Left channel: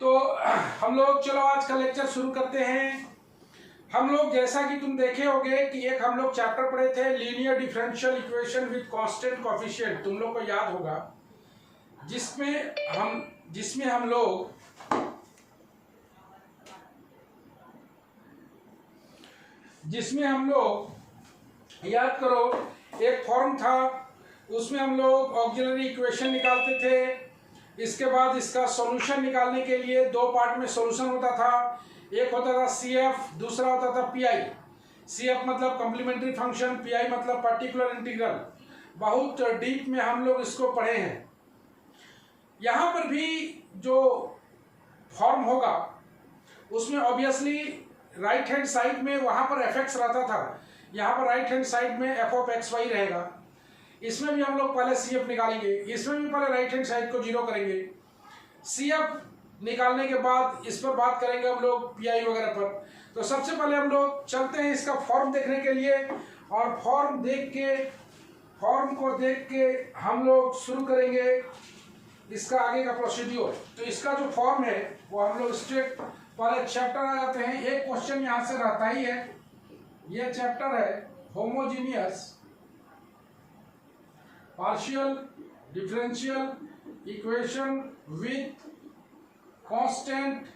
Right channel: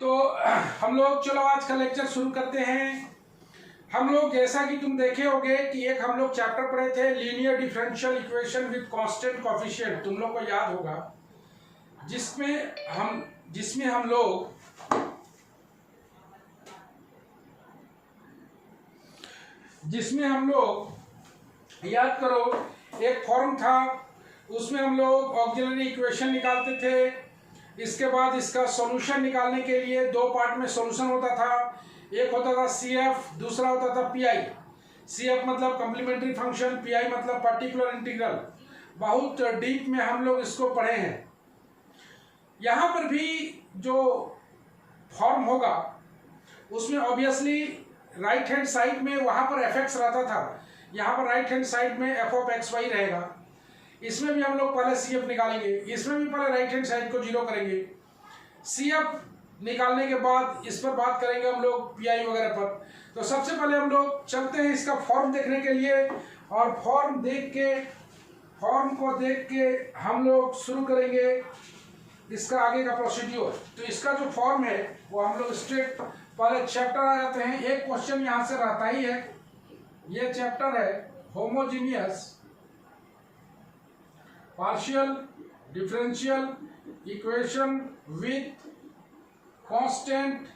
तो हम लोग चलो आज का लेक्चर शुरू करते हैं। हम लोग जैसा कि तुम देखे होगे कि एक हम लोग चैप्टर पढ़े थे linear differential equation with constant coefficient, तुम लोग को याद होगा, जिसमें हम लोग याद करो एक फॉर्म था, उसमें हम लोग ऑक्सिलरी इक्वेशन निकालते थे। इसके बाद इसका सॉल्यूशन निकालने के लिए दो पार्ट में सॉल्यूशन होता था। एक होता था CF, दूसरा होता था PI। CF मतलब कॉम्प्लीमेंट्री फंक्शन, PI मतलब पर्टिकुलर इंटीग्रल। बहुत डीप में हम लोग इसको पढ़े हैं। यहाँ पर भी जो फॉर्म होगा उसमें ऑब्वियसली राइट हैंड साइड में वहाँ पर fx रहता था, यहाँ पर राइट हैंड साइड में f(x, y) रहेगा। इसमें भी हम लोग पहले CF निकालेंगे, इसमें भी पहले राइट हैंड साइड को जीरो करेंगे। CF निकालने के बाद इस पर बात करेंगे हम लोग PI वगैरह पर। तो सबसे पहले हम लोग चलते हैं इसका फॉर्म देखने के लिए, और फॉर्म को देख के हम लोग शुरू करेंगे इसका आगे का प्रोसीड्यूर। तो इसका जो फॉर्म है वो हम लोग स्ट्रेट पहले चैप्टर आ जाते हैं। एक क्वेश्चन यहाँ से रहता ही है, ये चैप्टर है homogeneous partial differential equation with constant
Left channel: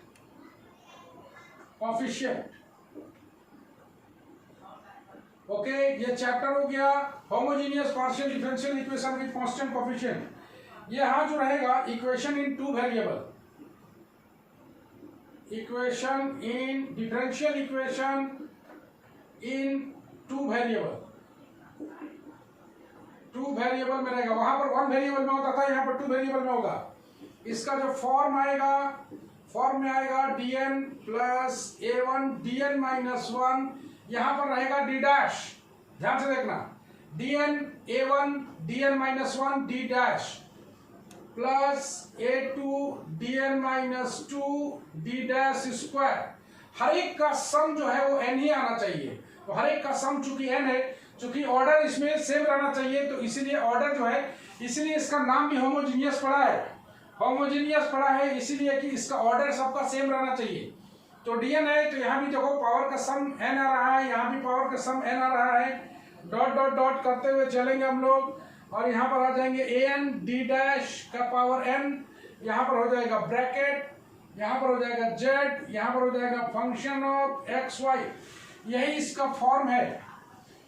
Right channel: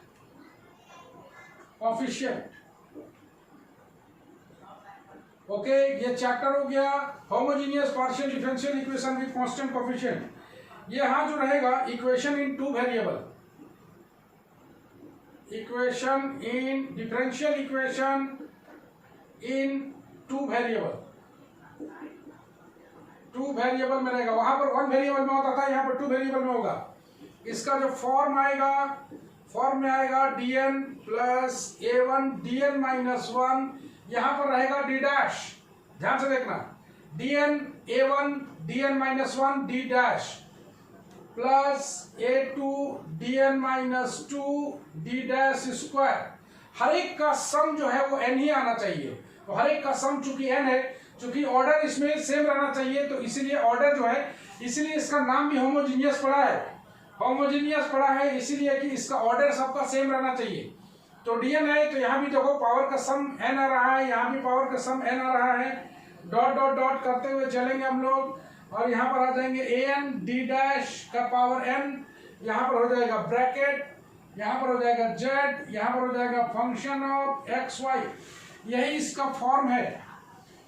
coefficient. Okay, ये चैप्टर हो गया homogeneous partial differential equation with constant coefficient. ये यहां जो रहेगा equation in two variable, equation in differential equation in two variable में रहेगा। वहां पर वन वेरिएबल में होता था, यहाँ पर टू वेरिएबल में होगा। इसका जो फॉर्म में आएगा dn plus a1 dn minus 1, यहाँ पर रहेगा d डैश, ध्यान से देखना, dn a1 dn minus 1 d dash plus a2 dn minus 2 d dash square. हर एक का सम जो है वो n ही आना चाहिए। तो हर एक का सम चूंकि n है, चूंकि ऑर्डर इसमें सेम रहना चाहिए, तो इसीलिए ऑर्डर जो है, इसीलिए इसका नाम भी होमोजीनियस पड़ा है इसीलिए कि इसका ऑर्डर सबका सेम रहना चाहिए। तो dn है, तो यहाँ भी देखो पावर का सम n आ रहा है, यहाँ भी पावर का सम n आ रहा है। डॉट डॉट डॉट करते हुए चलेंगे हम लोग, और यहाँ पर आ जाएंगे an d डैश का पावर n, यहाँ पर हो जाएगा ब्रैकेट, यहाँ पर हो जाएगा z, यहाँ पर हो जाएगा फंक्शन ऑफ x y। यही इसका फॉर्म है।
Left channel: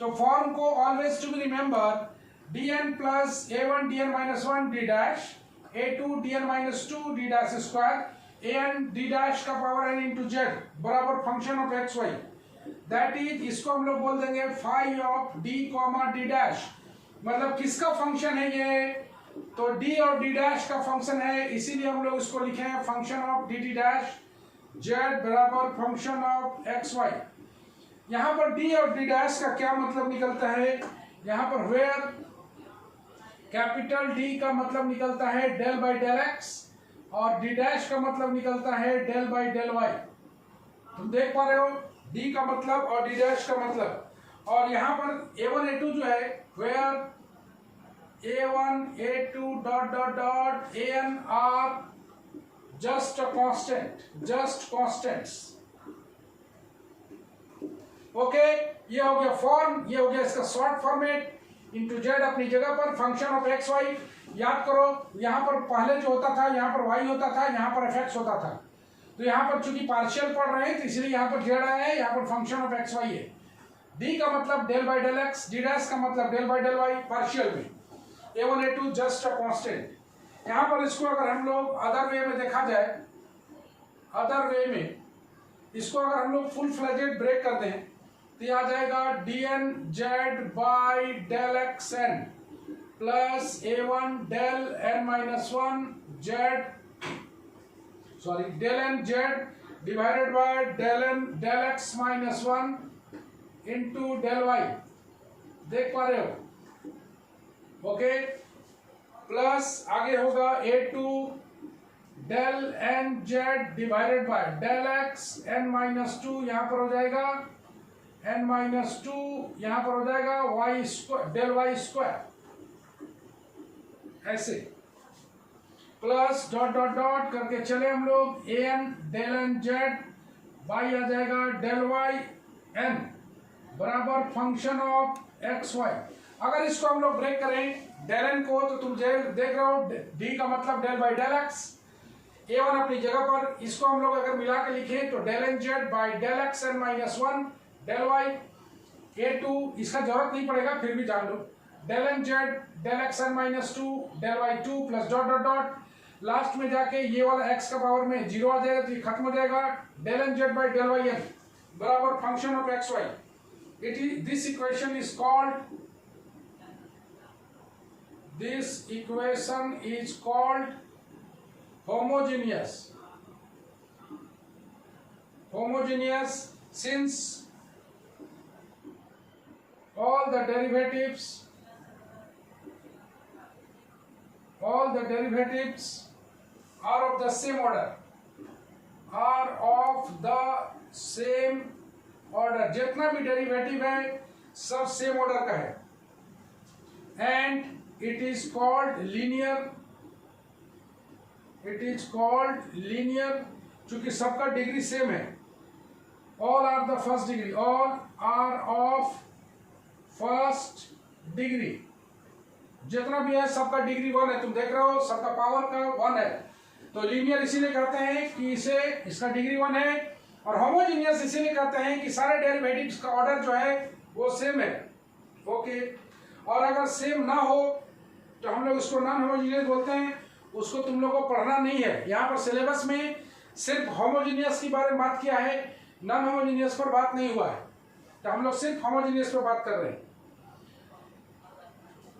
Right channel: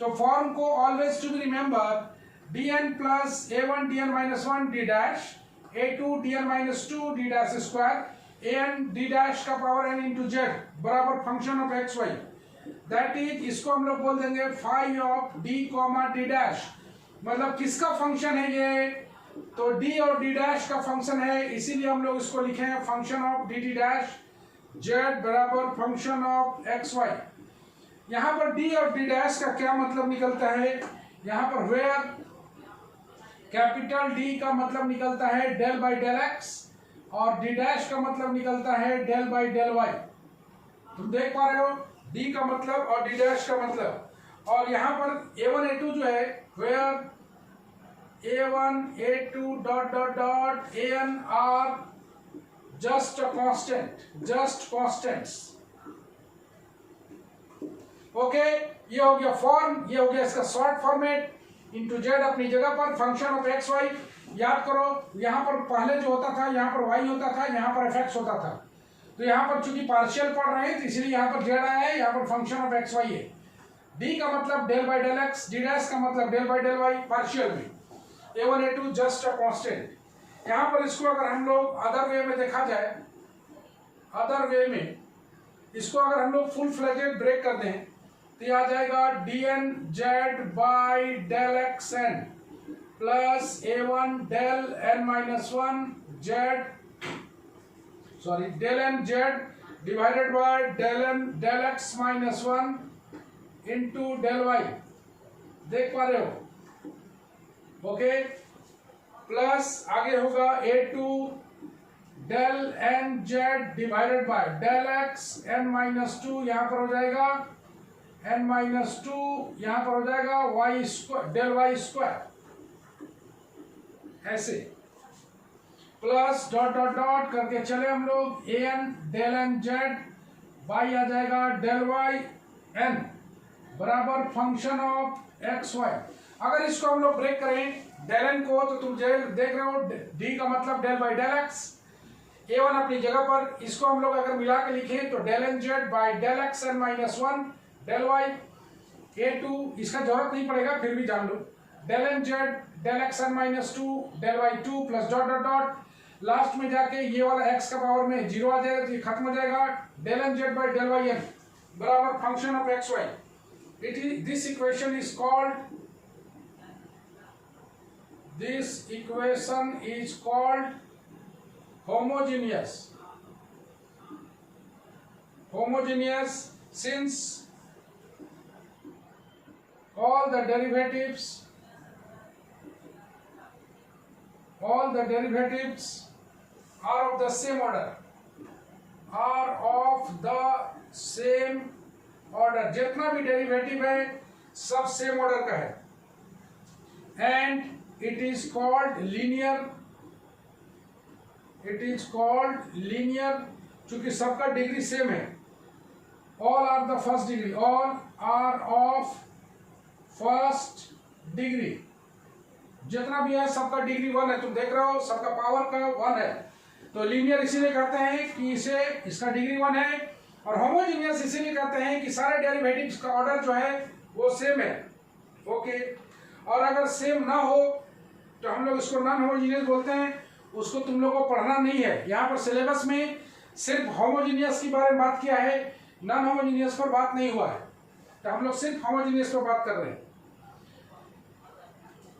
तो फॉर्म को always to be remember, dn plus a1 dn minus 1 d dash, a2 dn minus 2 d dash square, an d dash का पावर n इंटू z बराबर function of x y। That is, इसको हम लोग बोल देंगे phi of d comma d dash. मतलब किसका function है ये? तो d और d डैश का फंक्शन है, इसीलिए हम लोग इसको लिखे हैं function of dt dash z बराबर फंक्शन ऑफ x y। यहाँ पर d और d डैश का क्या मतलब निकलता है? यहाँ पर वेयर कैपिटल D का मतलब निकलता है डेल बाई डेल x, और d डैश का मतलब निकलता है डेल बाई डेल y। तुम देख पा रहे हो d का मतलब और d डैश का मतलब। और यहाँ पर a1 a2 जो है, where a1 a2 dot dot dot an are just constants. Okay, ये हो गया फॉर्म, ये हो गया इसका शॉर्ट फॉर्मेट। इंटू जेड अपनी जगह पर, फंक्शन ऑफ एक्स वाई। याद करो यहाँ पर पहले जो होता था, यहाँ पर y होता था, यहाँ पर fx होता था। तो यहाँ पर चूंकि पार्शियल पढ़ रहे हैं तो इसलिए यहाँ पर जेड आया है, यहाँ पर फंक्शन ऑफ एक्स वाई है। d का मतलब del by del x, d dash का मतलब del by del y partial में। a1 a2 just a constant. यहाँ पर इसको अगर हम लोग अदर वे में देखा जाए, अदर वे में इसको अगर हम लोग फुल फ्लेजेड ब्रेक कर दें तो ये आ जाएगा dn z by del x n plus a1 del n minus 1 del n z divided by del n del x minus 1 into del y। देख पा रहे हो? ओके, प्लस आगे होगा a2 del n z divided by del x n minus 2, यहाँ पर हो जाएगा n माइनस 2, यहाँ पर हो जाएगा y square del y square, ऐसे प्लस डॉट डॉट डॉट करके चले हम लोग an del n z y आ जाएगा डेल वाई एन बराबर फंक्शन ऑफ एक्स वाई। अगर इसको हम लोग ब्रेक करें डेल एन को तो तुम देख रहे हो d का मतलब del by del x, a1 अपनी जगह पर, इसको हम लोग अगर मिला के लिखें तो del n z by del x n minus one del y, a2 इसका जरूरत नहीं पड़ेगा फिर भी जान लो, del n z del x n minus two del y two plus dot dot dot, last में जाके ये वाला x का पावर में 0 आ जाएगा तो ये खत्म हो जाएगा, del n z by del y n बराबर function of x y. It is this equation is called homogeneous since all the derivatives are of the same order, जितना भी डेरिवेटिव है सब सेम ऑर्डर का है, and it is called linear चूंकि सबका degree same है, all are of first degree, जितना भी है सबका डिग्री 1 है, तुम देख रहे हो सबका पावर का 1 है, तो लीनियर इसीलिए कहते हैं कि इसका डिग्री 1 है, और होमोजीनियस इसीलिए कहते हैं कि सारे डेरिवेटिव्स का ऑर्डर जो है वो सेम है। ओके, और अगर सेम ना हो तो हम लोग इसको नॉन होमोजीनियस बोलते हैं, उसको तुम लोगों को पढ़ना नहीं है। यहाँ पर सिलेबस में सिर्फ होमोजीनियस के बारे में बात किया है, नॉन होमोजीनियस पर बात नहीं हुआ है, तो हम लोग सिर्फ होमोजीनियस पर बात कर रहे हैं।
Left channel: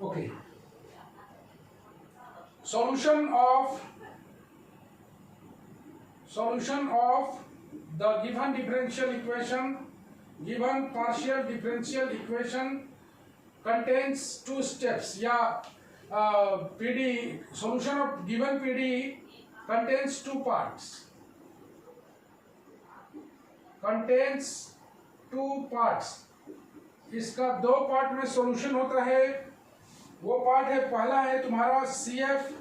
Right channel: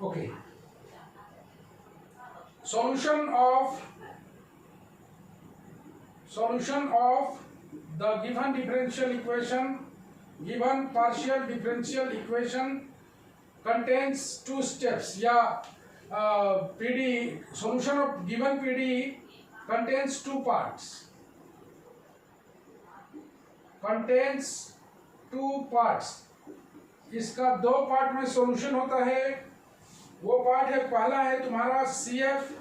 Okay, solution of the given partial differential equation contains two steps, या PD solution of given PD contains two parts, इसका 2 पार्ट में सॉल्यूशन होता है। वो पार्ट है, पहला है तुम्हारा CF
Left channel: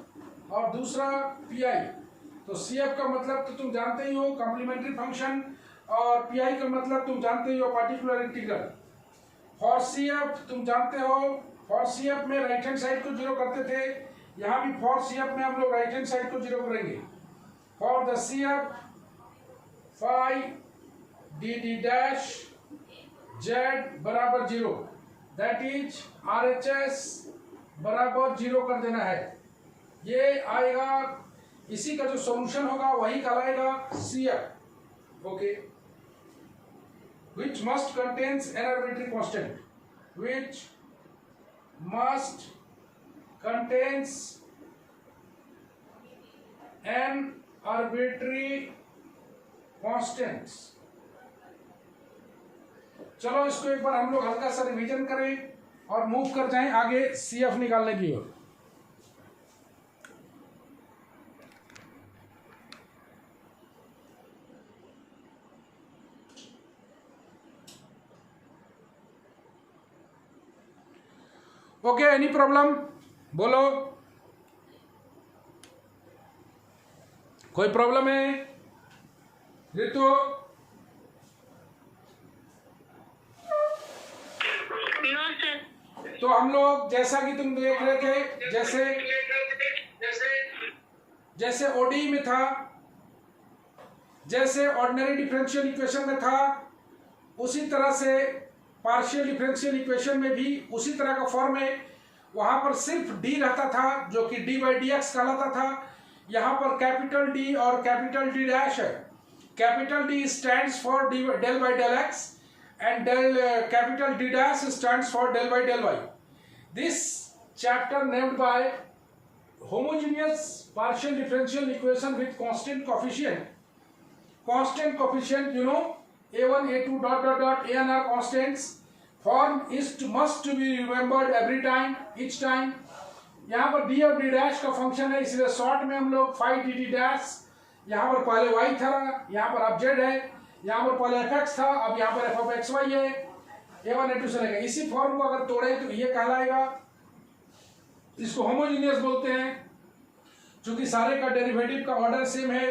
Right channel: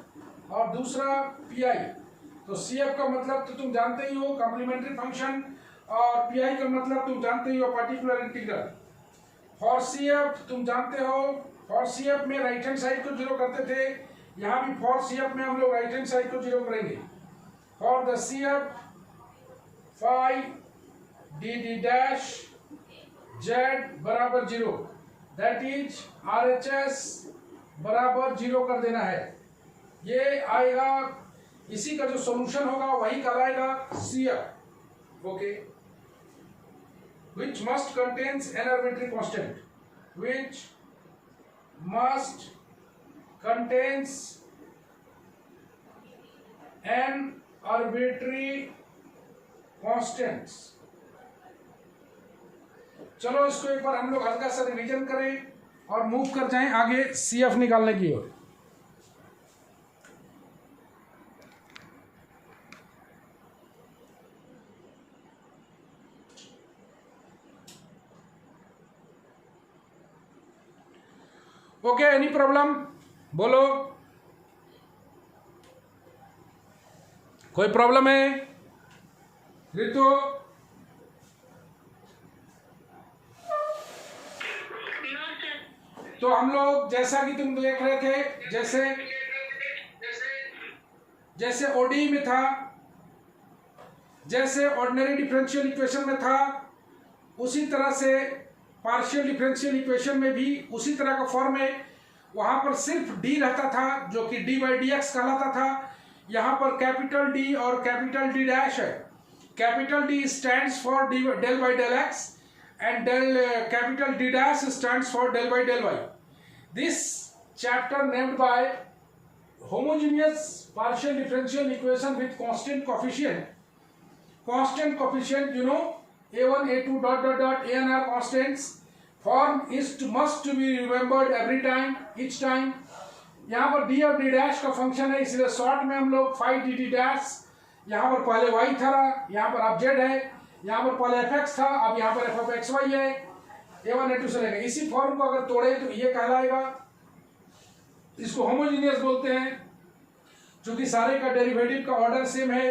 और दूसरा PI। तो CF का मतलब तो तुम जानते ही हो कॉम्प्लीमेंट्री फंक्शन, और PI का मतलब तुम जानते ही हो पर्टिकुलर इंटीग्रल। फॉर CF तुम जानते हो, फॉर CF में राइट हैंड साइड को 0 करते थे, यहाँ भी फॉर CF में हम लोग राइट हैंड साइड को 0 करेंगे। For the CF phi dd dash z बराबर 0, दैट इज RHS बराबर 0 कर देना है। ये आएगा, इसी का जो सॉल्यूशन होगा वही कहलाएगा CF। Okay, which must contains an arbitrary constant, which must contains an arbitrary constants। चलो इसको एक बार हम लोग हल्का सा रिवीजन करें और मूव कर जाएं आगे CF निकालने की ओर। ओके, एनी प्रॉब्लम बोलो, कोई प्रॉब्लम है ऋतु? तो हम लोग जैसा कि तुम देख रहे थे, जैसे ODE में था, जैसे ऑर्डिनरी डिफरेंशियल इक्वेशन में था, उसी तरह से पार्शियल डिफरेंशियल इक्वेशन में भी उसी तरह का फॉर्म है। वहां पर सिर्फ d रहता था जो कि d बाई डी एक्स कहलाता था। यहाँ पर कैपिटल D और कैपिटल D डैश है। Capital D stands for del by del x and capital D dash stands for del by del y. This chapter named by homogeneous partial differential equation with constant coefficient. Constant coefficient, you know, a1, a2, dot dot dot, an are constants. Form must to be remembered every time, each time. यहाँ पर d और d dash का function है, इसलिए short में हम लोग phi dt dash, यहाँ पर पहले y था, यहाँ पर अब z है, यहाँ पर पहले fx था, अब यहाँ पर f of xy है, a1 a2 से लेगा। इसी फॉर्म को अगर तोड़े तो ये कहलाएगा, इसको होमोजीनियस बोलते हैं। चूंकि सारे का डेरिवेटिव का ऑर्डर सेम है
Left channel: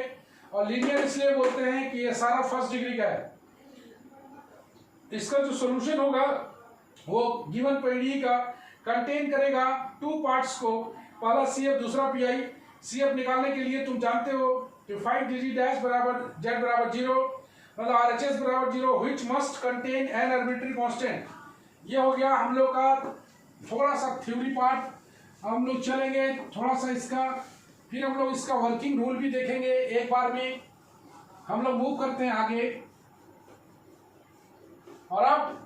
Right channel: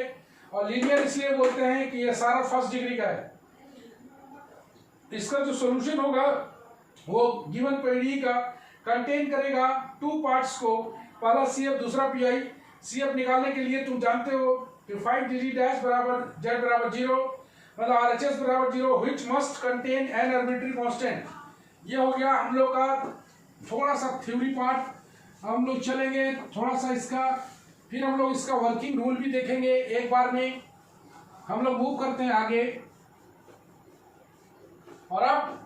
और लीनियर इसलिए बोलते हैं कि ये सारा फर्स्ट डिग्री का है। इसका जो सॉल्यूशन होगा वो गिवन पीडीई का कंटेन करेगा टू पार्ट्स को, पहला CF दूसरा PI। CF निकालने के लिए तुम जानते हो कि फाइंड DG डैश बराबर Z बराबर 0, मतलब RHS बराबर 0 which must contain an arbitrary constant. ये हो गया हम लोग का थोड़ा सा थ्योरी पार्ट। हम लोग चलेंगे थोड़ा सा इसका, फिर हम लोग इसका वर्किंग रूल भी देखेंगे एक बार में। हम लोग मूव करते हैं आगे और अब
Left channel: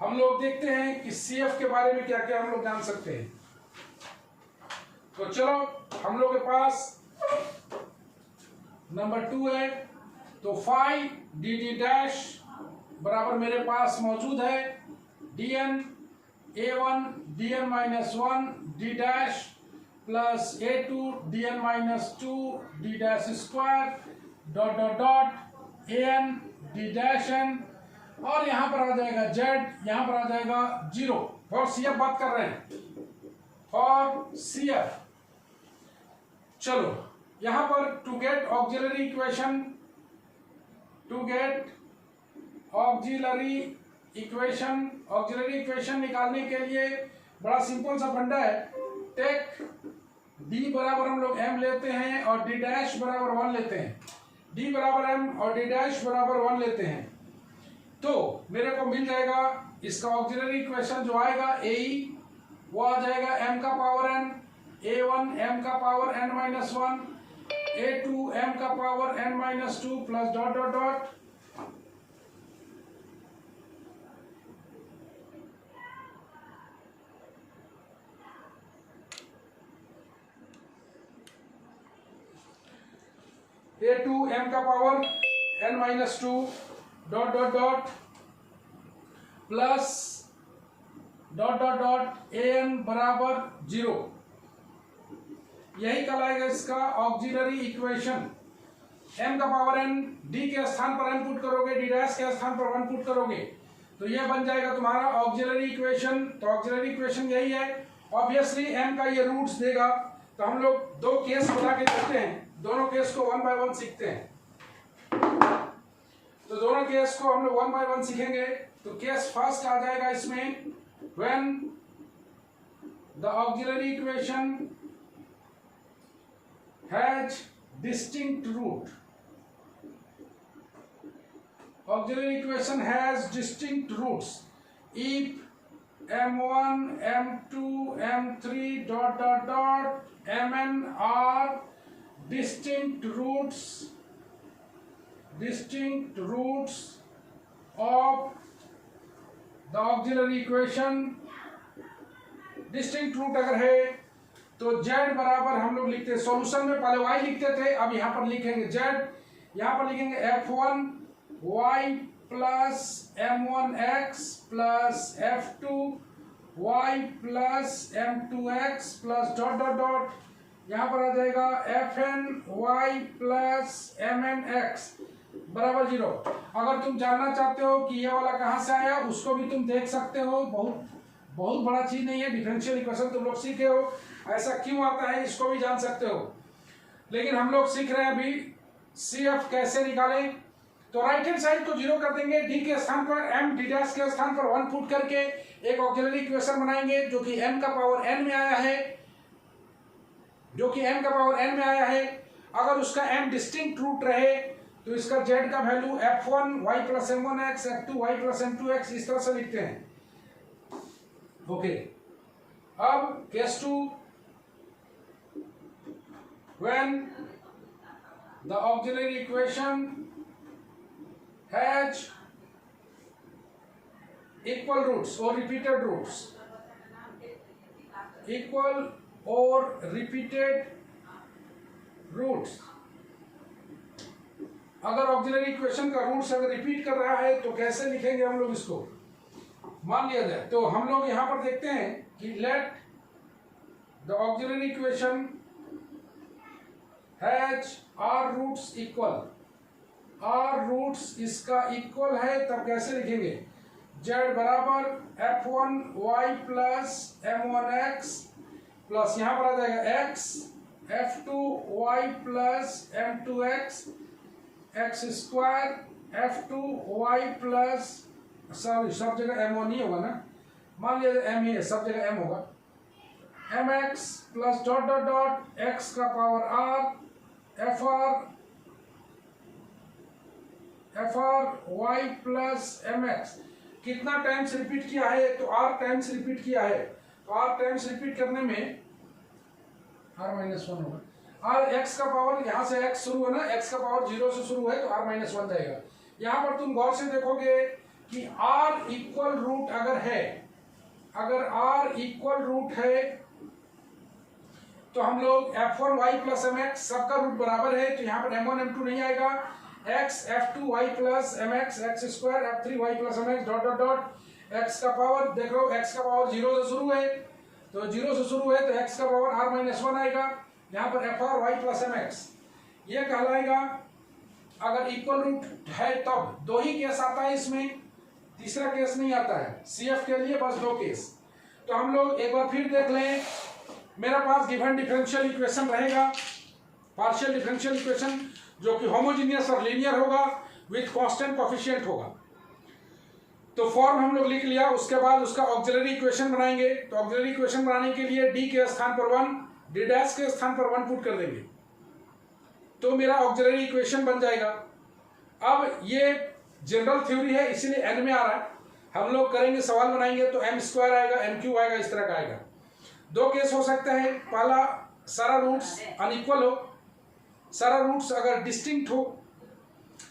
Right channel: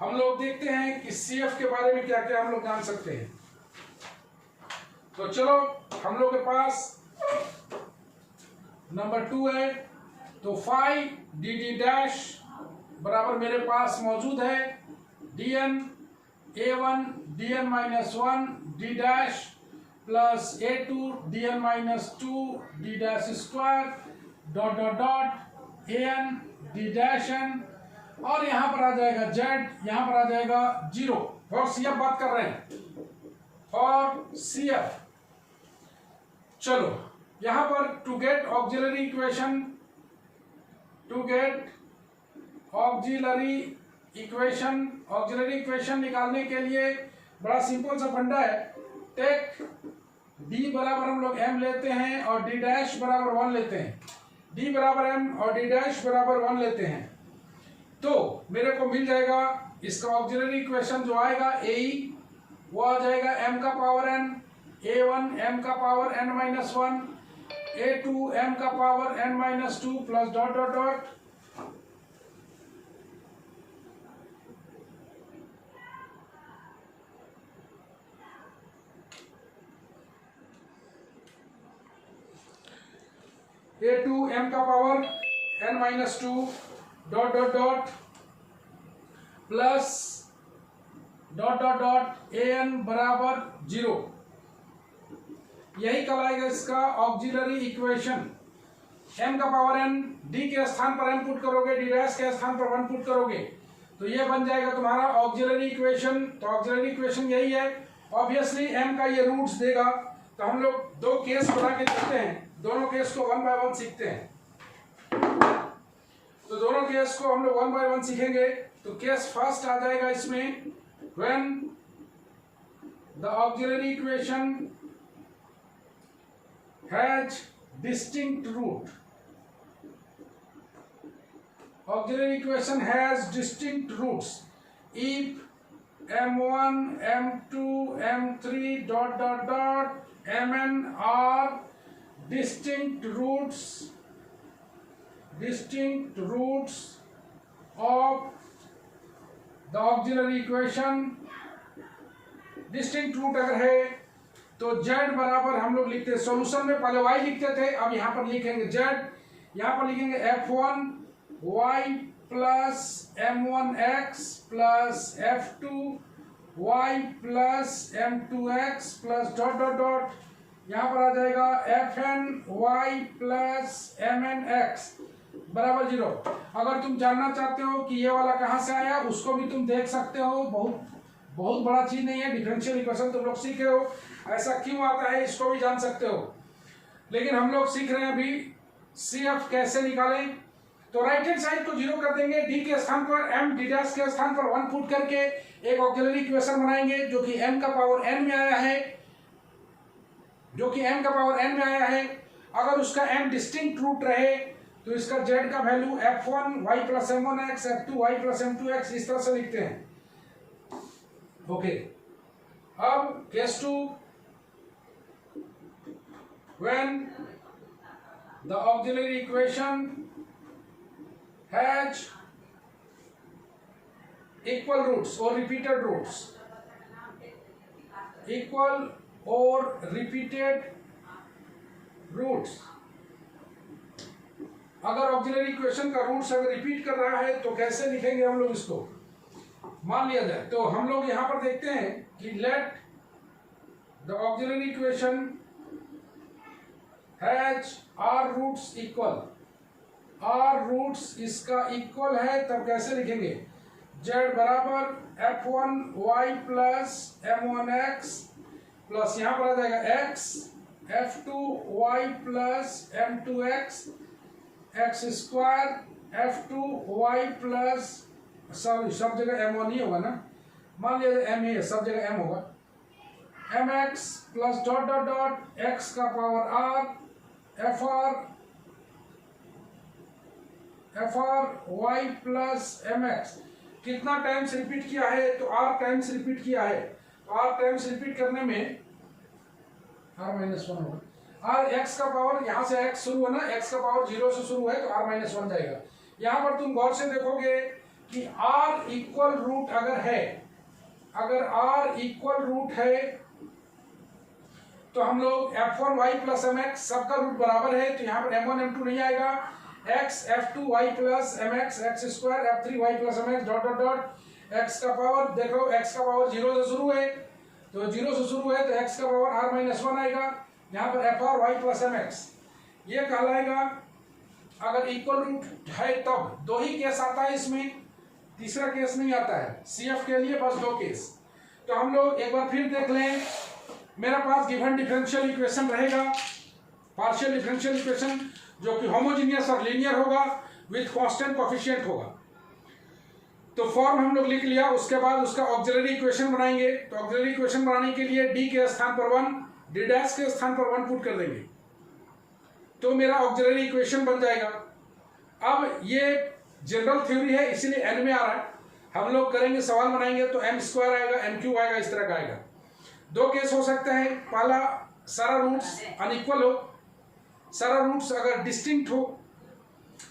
हम लोग देखते हैं कि CF के बारे में क्या क्या हम लोग जान सकते हैं। तो चलो हम लोग के पास नंबर 2 है, तो फाई DD डैश बराबर मेरे पास मौजूद है DN A1 DN minus 1 D dash plus A2 DN minus 2 D dash square dot dot dot AN D dash N, और यहां पर आ जाएगा Z, यहां पर आ जाएगा 0 फॉर CF बात कर रहे हैं, फॉर CF। चलो यहां पर to get auxiliary equation, auxiliary equation निकालने के लिए बड़ा सिंपल सा फंडा है। टेक D बराबर हम लोग M लेते हैं और D डैश बराबर 1 लेते हैं, D बराबर M और D डैश बराबर 1 लेते हैं, तो मेरे को मिल जाएगा इसका ऑक्सिलरी इक्वेशन जो आएगा AE वो आ जाएगा M का पावर N, A1 M का power N minus 1, A2 M का power N minus 2 plus dot dot dot A2 M का power N minus 2 dot dot dot plus dot dot dot AN बराबर 0। यही कहलाएगा इसका ऑक्सिलरी इक्वेशन। M का power N, D के स्थान पर M पुट करोगे, D डैश के स्थान पर 1 पुट करोगे, तो ये बन जाएगा तुम्हारा ऑक्सिलरी इक्वेशन। तो ऑक्सिलरी इक्वेशन यही है। ऑब्वियसली M का ये रूट्स देगा, तो हम लोग दो केस बना के देखते हैं, दोनों केस को 1 बाय 1 सीखते हैं। तो दोनों केस को हम लोग 1 बाय 1 सीखेंगे। तो केस फर्स्ट आ जाएगा इसमें, when the auxiliary equation has distinct root, auxiliary equation has distinct roots if M1 M2 M3 dot dot dot Mn are distinct roots of the auxiliary equation। Distinct root अगर है तो Z बराबर हम लोग लिखते हैं, सॉल्यूशन में पहले Y लिखते थे, अब यहां पर लिखेंगे Z, यहां पर लिखेंगे F1 Y plus M1X plus F2 Y plus M2X plus dot dot dot, यहां पर आ जाएगा Fn Y प्लस MnX बराबर 0। अगर तुम जानना चाहते हो कि ये वाला कहां से आया, उसको भी तुम देख सकते हो। बहुत बड़ा चीज नहीं है, डिफरेंशियल इक्वेशन तुम लोग सीखे हो, ऐसा क्यों आता है इसको भी जान सकते हो। लेकिन हम लोग सीख रहे हैं अभी CF कैसे निकालें। तो राइट हैंड साइड को 0 कर देंगे, D के स्थान पर M, D डैश के स्थान पर 1 पुट करके एक ऑक्सिलरी इक्वेशन बनाएंगे जो कि M का पावर N में आया है, अगर उसका M डिस्टिंक्ट रूट रहे तो इसका Z का value F1 Y plus M1X, F2 Y plus M2X इस तरह से लिखते हैं। ओके, अब case 2, when the auxiliary equation has equal roots और रिपीटेड रूट्स, इक्वल और रिपीटेड रूट्स। अगर ऑक्सिलरी इक्वेशन का रूट्स अगर रिपीट कर रहा है तो कैसे लिखेंगे हम लोग इसको, मान लिया जाए। तो हम लोग यहां पर देखते हैं कि let the auxiliary equation has r roots equal, r roots इसका इक्वल है, तब कैसे लिखेंगे, Z बराबर F1 Y plus M1X plus यहां पर आ जाएगा X f2y plus m2x x square f2y plus, sorry सब जगह m1 ही होगा ना, मान लिया m ही है, सब जगह m होगा, mx plus dot dot dot x का power r fr y plus mx। कितना टाइम्स रिपीट किया है? तो r टाइम्स रिपीट किया है, तो r टाइम्स रिपीट करने में r माइनस 1 होगा। और x का पावर, यहाँ से x शुरू है ना, x का पावर 0 से शुरू है तो r माइनस 1 जाएगा। यहाँ पर तुम गौर से देखोगे कि r इक्वल रूट अगर है, अगर r इक्वल रूट है तो हम लोग f1y प्लस mx सबका रूट बराबर है, तो यहाँ पर m1 m2 नहीं आएगा, x f2y plus mx x square f3y plus mx dot dot dot x का पावर, देखो x का पावर 0 से शुरू है, तो 0 से शुरू है तो x का पावर r माइनस 1 आएगा, यहाँ पर fr y प्लस mx ये कहलाएगा अगर इक्वल रूट है तब। दो ही केस आता है इसमें, तीसरा केस नहीं आता है, CF के लिए बस 2 केस। तो हम लोग एक बार फिर देख लें, मेरा पास गिवन डिफरेंशियल इक्वेशन रहेगा, पार्शियल डिफरेंशियल इक्वेशन जो कि होमोजीनियस और लीनियर होगा विथ कांस्टेंट कोएफिशिएंट होगा। तो फॉर्म हम लोग लिख लिया, उसके बाद उसका ऑक्सिलरी इक्वेशन बनाएंगे। तो ऑक्सिलरी इक्वेशन बनाने के लिए d के स्थान पर 1, d डैश के स्थान पर 1 पुट कर देंगे, तो मेरा ऑक्सिलरी इक्वेशन बन जाएगा। अब ये जनरल थ्योरी है इसीलिए n में आ रहा है, हम लोग करेंगे सवाल बनाएंगे तो m स्क्वायर आएगा, m क्यूब आएगा, इस तरह का आएगा। 2 केस हो सकते हैं, पहला सारा रूट्स अनइक्वल हो, सारा रूट्स अगर डिस्टिंक्ट हो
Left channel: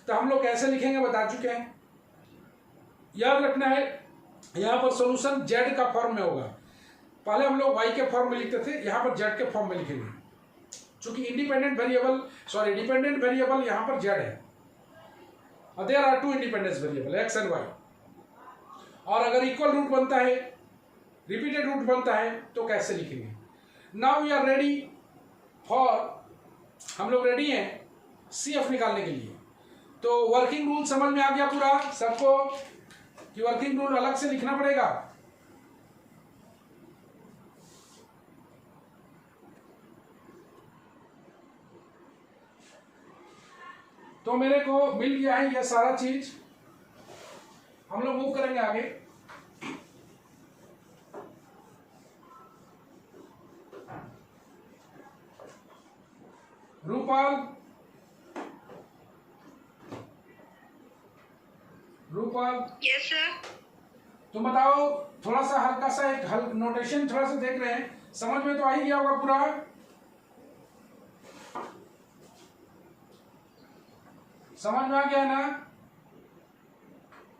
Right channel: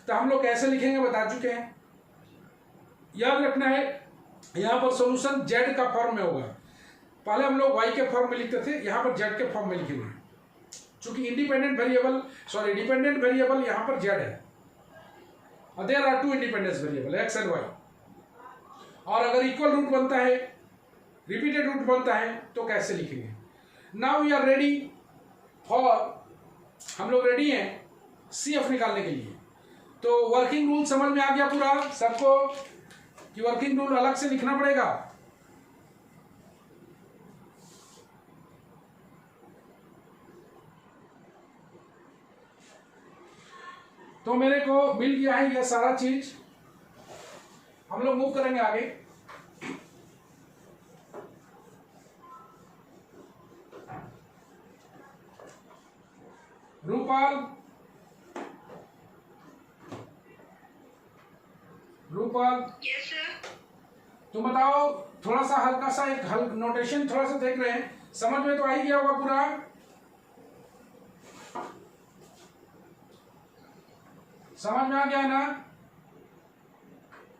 तो हम लोग कैसे लिखेंगे बता चुके हैं। याद रखना है यहाँ पर सॉल्यूशन z का फॉर्म में होगा, पहले हम लोग y के फॉर्म में लिखते थे, यहाँ पर z के फॉर्म में लिखेंगे, क्योंकि independent variable, sorry dependent variable यहाँ पर z है, और there are 2 independent variable x and y। और अगर इक्वल रूट बनता है, रिपीटेड रूट बनता है तो कैसे लिखेंगे। Now we are ready for, हम लोग रेडी हैं CF निकालने के लिए। तो वर्किंग रूल समझ में आ गया पूरा सबको कि वर्किंग रूल अलग से लिखना पड़ेगा। तो मेरे को मिल गया है ये सारा चीज, हम लोग मूव करेंगे आगे। Rupal, Rupal, yes sir. तुम बताओ, थोड़ा सा हल्का सा एक नोटेशन थोड़ा सा देख रहे हैं, समझ में तो आ ही गया होगा पूरा। समझ में आ गया ना?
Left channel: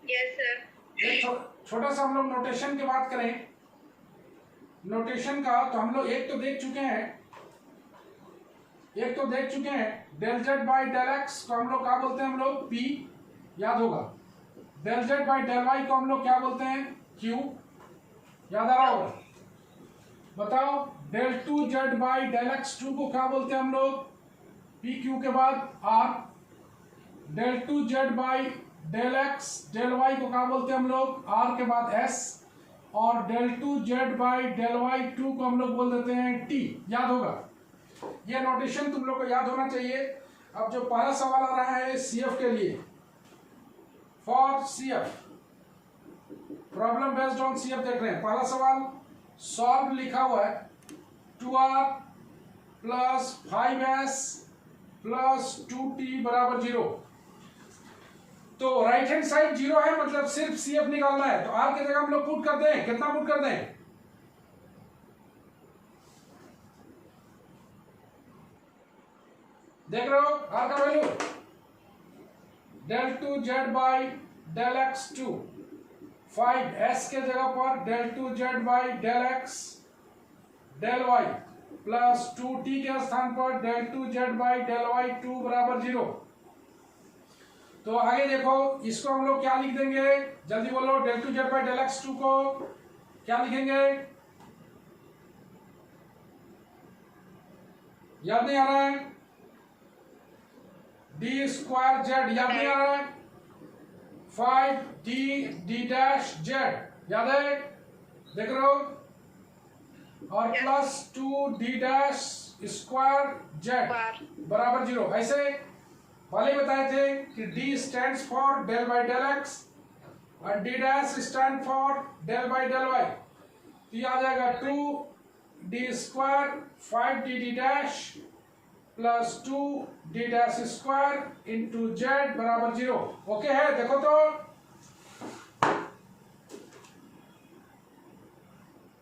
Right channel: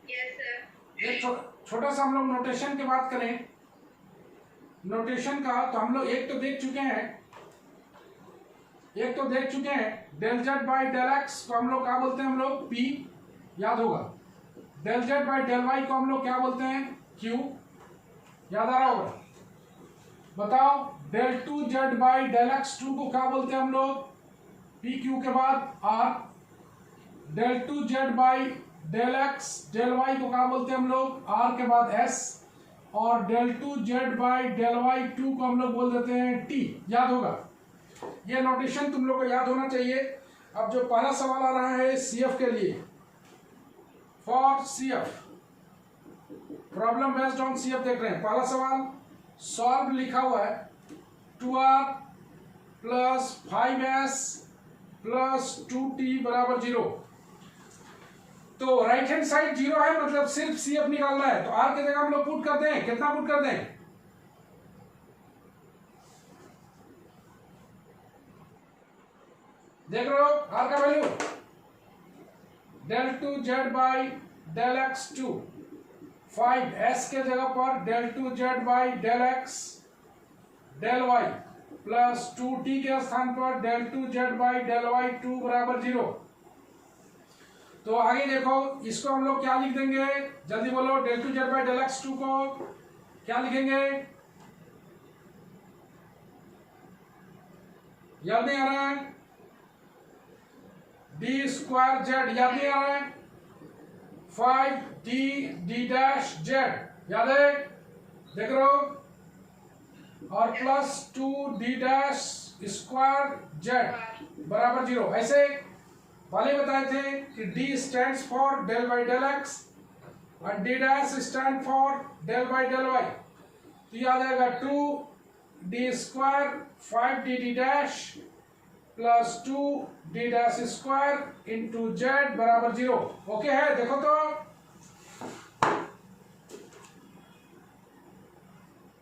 Yes sir. एक छोटा सा हम लोग नोटेशन की बात करें, नोटेशन का, तो हम लोग एक तो देख चुके हैं, del z by del x को हम लोग क्या बोलते हैं, हम लोग P, याद होगा। Del z by del y को हम लोग क्या बोलते हैं, Q, याद आ रहा होगा। बताओ del two z by del x two को क्या बोलते हैं हम लोग, पी क्यू के बाद R। Del two z by del x del y को क्या बोलते हैं हम लोग, R के बाद S। और del two z by del y two को हम लोग बोल देते हैं T, याद होगा। ये नोटेशन तुम लोग को याद होना चाहिए। अब जो पहला सवाल आ रहा है CF के लिए, for CF, problem based on CF देख रहे हैं। पहला सवाल सॉल्व लिखा हुआ है, 2r plus 5s plus 2t बराबर 0। तो राइट हैंड साइड 0 है, मतलब सिर्फ CF निकालना है, तो r की जगह हम लोग पुट कर दें, कितना पुट कर दें, देख रहे हो r का value, del two z by del x two, 5s के जगह पर del two z by del x del y plus 2t के स्थान पर del two z by del y 2 बराबर 0। तो आगे देखो, इसको हम लोग क्या लिख देंगे, जल्दी बोलो, del two z by del x two को क्या लिखेंगे, याद नहीं आ रहा है, डी स्क्वायर जेड, याद नहीं आ रहा है, 5d d डैश जेड, याद है, देख रहे हो। और plus 2d dash square Z बराबर 0। ऐसे पहले बताए थे कि d stands for del by del x और d dash stand for del by del y. तो ये आ जाएगा 2d square 5dd dash plus 2d dash square into z बराबर 0। ओके है, देखो तो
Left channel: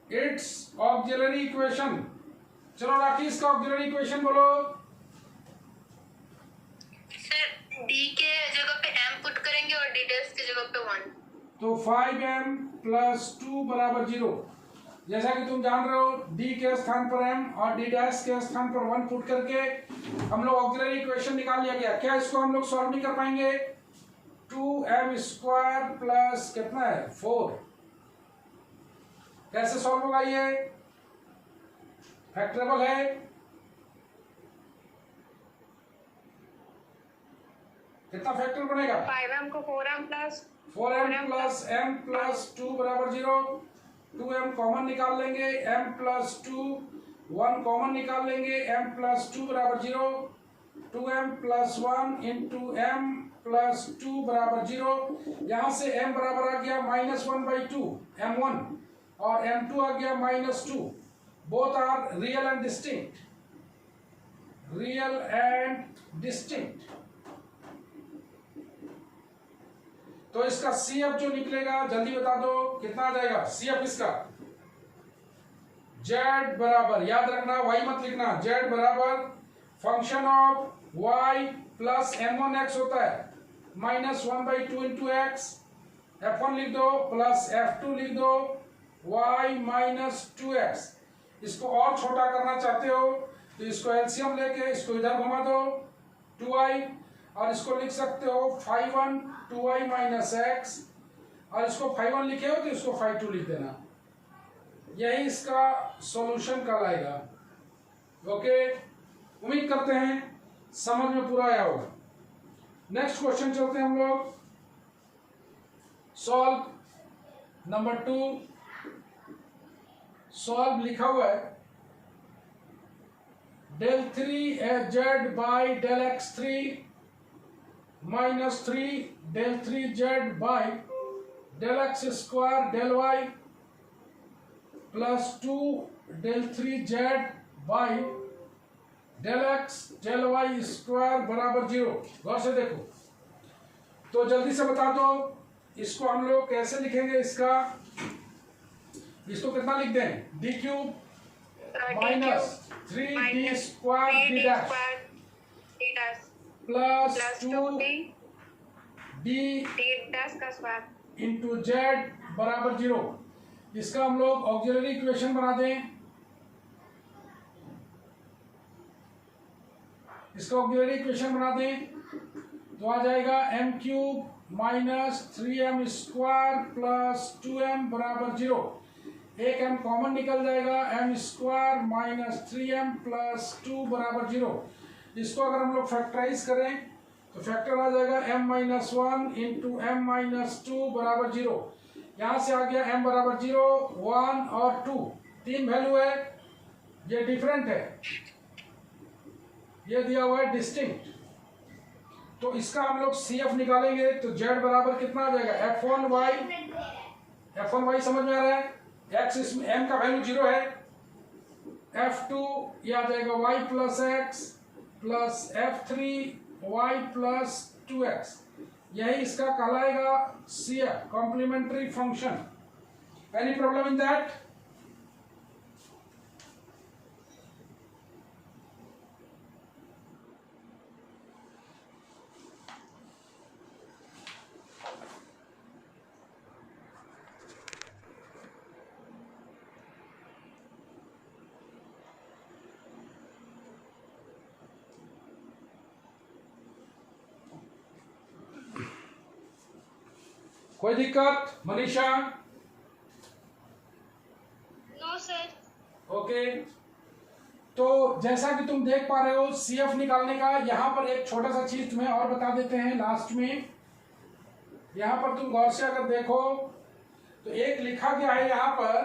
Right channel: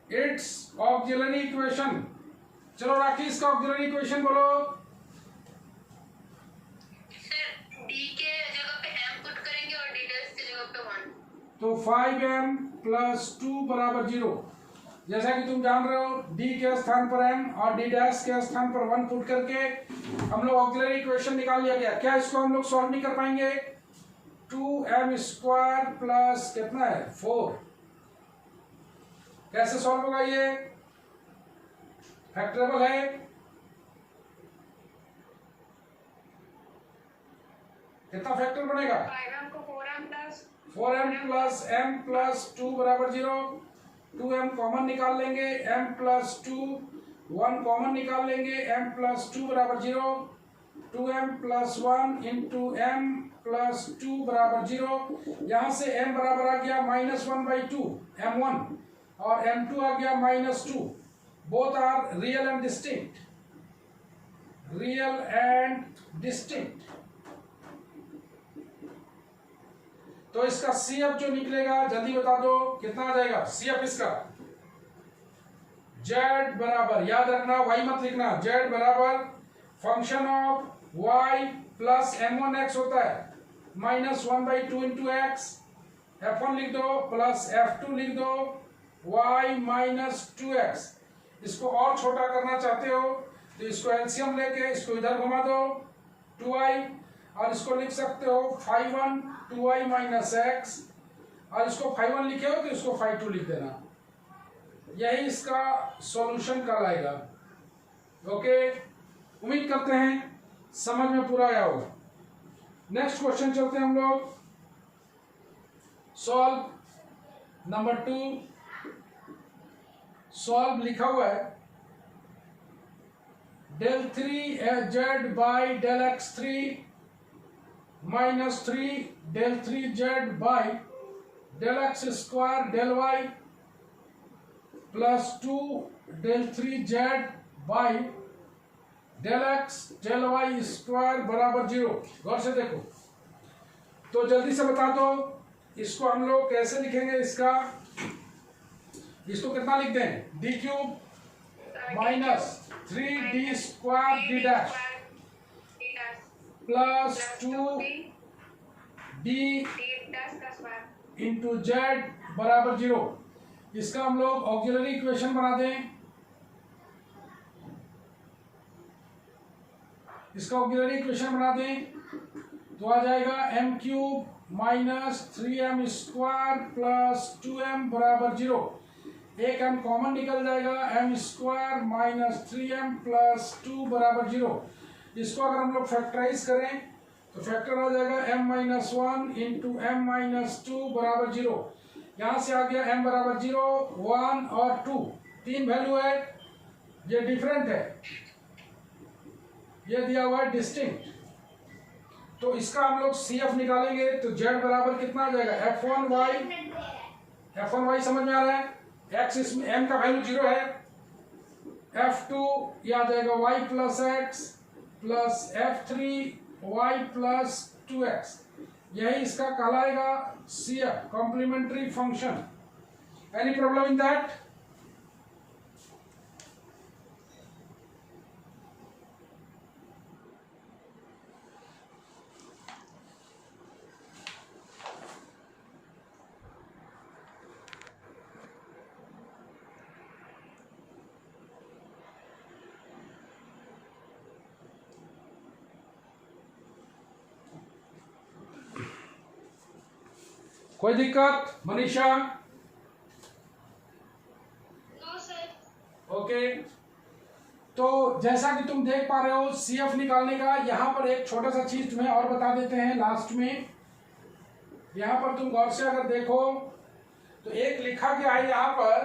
इट्स ऑक्सिलरी इक्वेशन। चलो राखी इसका ऑक्सिलरी इक्वेशन बोलो। सर d के जगह पे m पुट करेंगे और d डैश के जगह पे 1। तो 5m प्लस 2 बराबर 0। जैसा कि तुम जान रहे हो d के स्थान पर m और d डैश के स्थान पर 1 पुट करके हम लोग ऑक्सिलरी इक्वेशन निकाल लिया गया। क्या इसको हम लोग सॉल्व नहीं कर पाएंगे? 2m स्क्वायर प्लस कितना है 4। कैसे सॉल्व होगा? ये फैक्टरेबल है। कितना फैक्टर बनेगा? 5m को 4m प्लस m प्लस 2 बराबर 0। 2m कॉमन निकाल लेंगे, m प्लस 2 1 कॉमन निकाल लेंगे, m प्लस 2 बराबर 0। 2m plus 1 into m plus 2 बराबर 0। यहां से m बराबर आ गया -1/2 m1 और m2 आ गया -2। Both are real and distinct, real and distinct. तो इसका CF जो निकलेगा जल्दी बता दो कितना आ जाएगा CF इसका? Z बराबर, याद रखना y मत लिखना, Z बराबर function of y plus m1x होता है -1/2 इंटू एक्स। f1 लिख दो प्लस f2 लिख दो y माइनस 2x। इसको और छोटा करना चाहते हो तो इसको एलसीएम लेके इसको इधर घुमा दो 2y, और इसको लिख सकते हो 5(1) 2y माइनस एक्स, और इसको 5(1) लिखे हो तो इसको 5(2) लिख देना। यही इसका सॉल्यूशन कहलाएगा। ओके, उम्मीद करते हैं समझ में पूरा आया होगा। नेक्स्ट क्वेश्चन चलते हैं हम लोग। Solve number 2। सॉल्व लिखा हुआ है del 3z by del x3 minus 3 del 3z by del x square del y plus 2 del 3z by del x del y square बराबर 0। गौर से देखो तो जल्दी से बता दो इसको हम लोग कैसे लिखेंगे। इसको कितना लिख दें? d cube minus 3d square d dash plus 2d into z बराबर 0। इसका हम लोग ऑक्सिलरी इक्वेशन बना दें। तो आ जाएगा m cube minus 3m square plus 2m बराबर 0। एक m कॉमन निकल जाएगा, m square minus 3m plus 2 बराबर 0। इसको अगर हम लोग फैक्टराइज करें तो फैक्टर आ जाएगा m minus 1 into m minus 2 बराबर 0। यहाँ से आ गया m बराबर 0 1 और 2, 3 वैल्यू है, ये डिफरेंट है, ये दिया हुआ है डिस्टिंक्ट। तो इसका हम लोग CF निकालेंगे तो z बराबर कितना आ जाएगा f1y समझ में आ रहा है? x इसमें m का वैल्यू 0 है, f2 ये आ जाएगा y plus x plus f3 y plus 2x। यही इसका कहलाएगा CF, complementary function. Any problem in that? कोई दिक्कत मनीषा? No sir. ओके, तो जैसा कि तुम देख पा रहे हो CF निकालने का यहाँ पर एक छोटा सा चीज तुम्हें और बता देते हैं लास्ट में। यहाँ पर तुम गौर से अगर देखो तो एक लिखा गया है यहाँ पर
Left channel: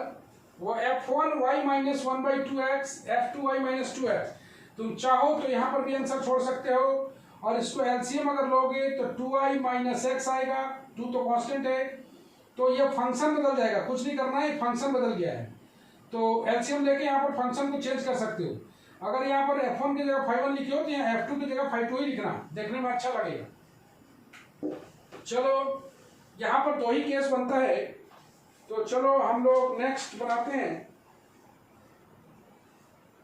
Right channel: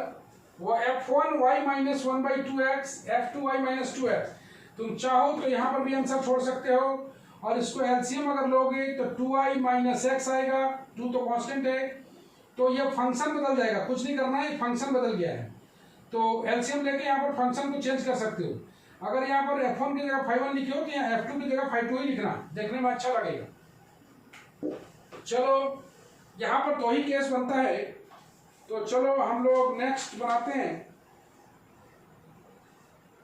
वो f1y minus 1/2x, f2y minus 2x। तुम चाहो तो यहाँ पर भी आंसर छोड़ सकते हो, और इसको एलसीएम अगर लोगे तो 2i माइनस x आएगा, 2 तो कांस्टेंट है, तो ये फंक्शन बदल जाएगा, कुछ नहीं करना है, फंक्शन बदल गया है। तो एलसीएम लेके यहाँ पर फंक्शन को चेंज कर सकते हो। अगर यहाँ पर f1 की जगह 5 लिखे हो तो यहाँ f2 की जगह 5 ही लिखना, देखने में अच्छा लगेगा। चलो यहाँ पर दो ही केस बनता है, तो चलो हम लोग नेक्स्ट बनाते हैं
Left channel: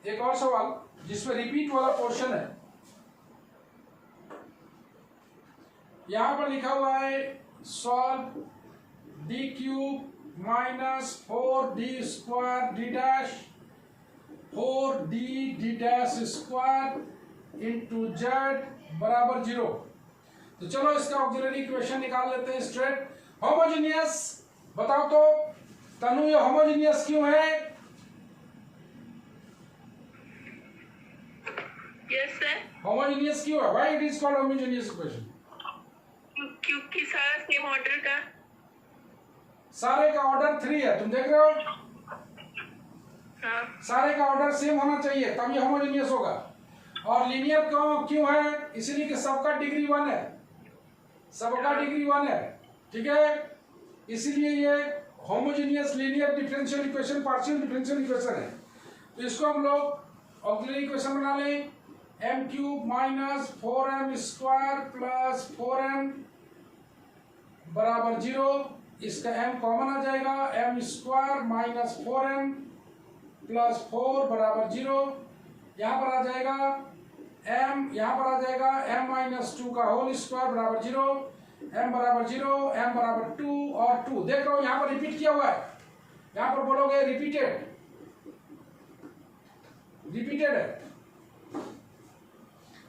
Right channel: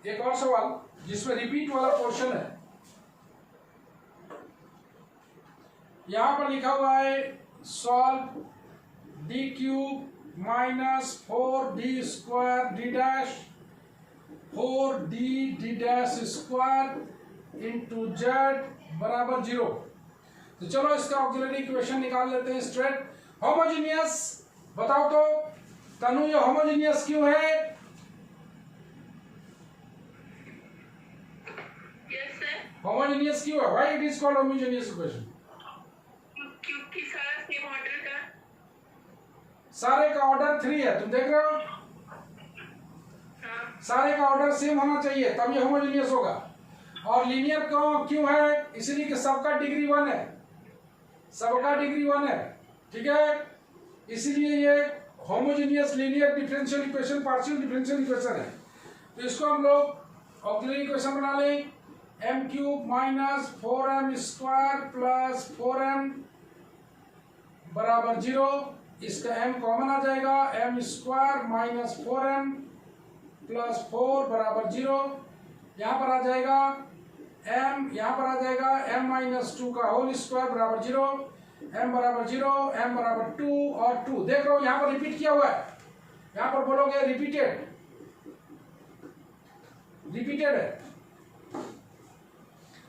एक और सवाल जिसमें रिपीट वाला पोर्शन है। यहां पर लिखा हुआ है solve D cube minus 4d² d dash 4d d dash square into z बराबर 0। तो चलो इसका ऑक्सिलरी इक्वेशन निकाल लेते हैं स्ट्रेट। होमोजेनियस बताओ तो तनु, ये होमोजेनियस क्यों है? Yes sir. होमोजेनियस क्यों है? Why it is called homogeneous equation? क्योंकि सारा सेम ऑर्डर का, सारे का ऑर्डर 3 है, तुम देख रहे हो? हाँ सारे का ऑर्डर सेम होना चाहिए तब ये होमोजेनियस होगा। और लीनियर क्यों है? इसलिए कि सबका डिग्री 1 है, सबका डिग्री 1 है, ठीक है, इसीलिए ये homogeneous linear differential equation, partial differential equation है। तो इसको हम लोग ऑक्सिलरी इक्वेशन बना लें, m cube minus 4m square plus 4m बराबर 0। इसका m कॉमन आ जाएगा, m square minus 4m plus 4 बराबर 0। यहाँ पर आ जाएगा m, यहाँ पर आ जाएगा m माइनस 2 का होल स्क्वायर बराबर 0, m बराबर 0, m बराबर 2 और 2। देख रहे हो यहाँ पर रिपीट किया हुआ है, यहाँ पर बोलोगे रिपीटेड, रिपीटेड है।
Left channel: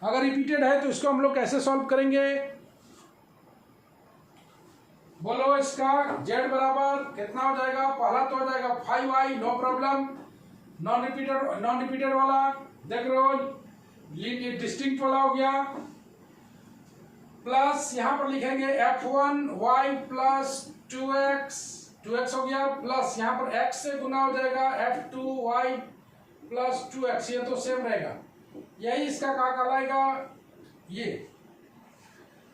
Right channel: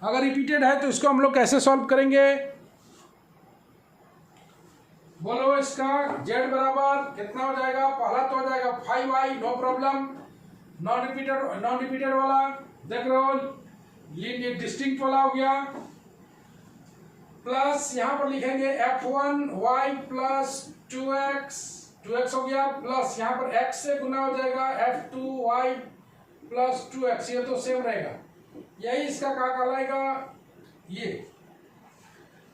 अगर रिपीटेड है तो इसको हम लोग कैसे सॉल्व करेंगे? बोलो इसका z बराबर कितना हो जाएगा? पहला तो हो जाएगा 5i, no problem, non repeated वाला देख रहे हो, लीनियर डिस्टिंक्ट वाला हो गया, प्लस यहां पर लिखेंगे f1y प्लस 2x हो गया, प्लस यहां पर x से गुना हो जाएगा f2y प्लस 2x, ये तो सेम रहेगा, यही इसका क्या कहलाएगा ये।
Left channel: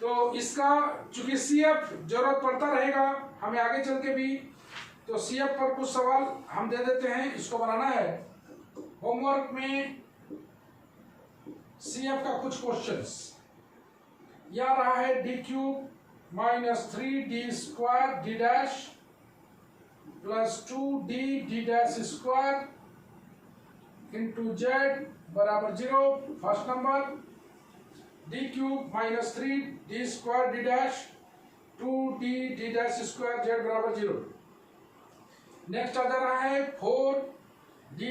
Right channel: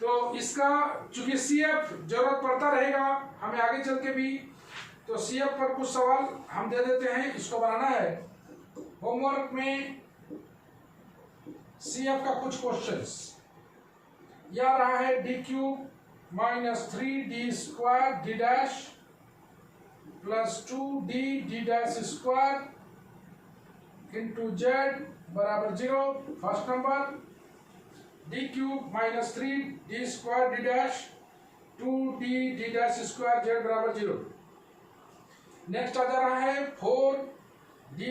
तो इसका चूंकि CF जरूरत पड़ता रहेगा हमें आगे चल के भी, तो CF पर कुछ सवाल हम दे देते हैं, इसको बनाना है होमवर्क में। CF का कुछ क्वेश्चंस यह रहा है, D cube minus 3d² d dash plus 2d d dash square into z बराबर 0। First number D cube minus 3d² d dash 2d d dash square Z बराबर 0। नेक्स्ट आ जा रहा है 4d²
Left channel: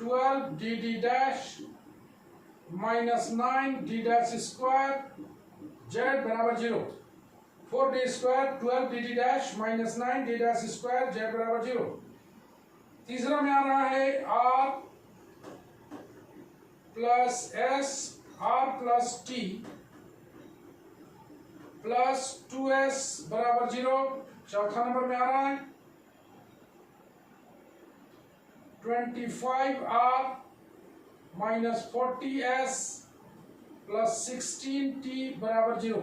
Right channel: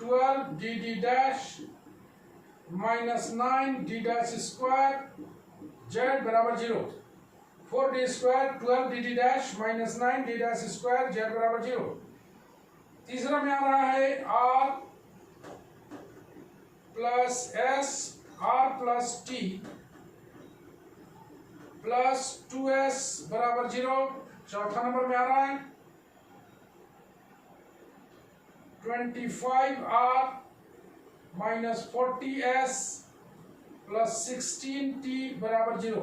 12d d dash minus 9d dash square Z बराबर 0। 4d² 12d d dash minus 9d dash square Z बराबर 0। तीसरा में आ रहा है r plus s r plus t plus 2s बराबर 0। चौथा नंबर में आ रहा है 25r minus 40s plus 16t बराबर 0।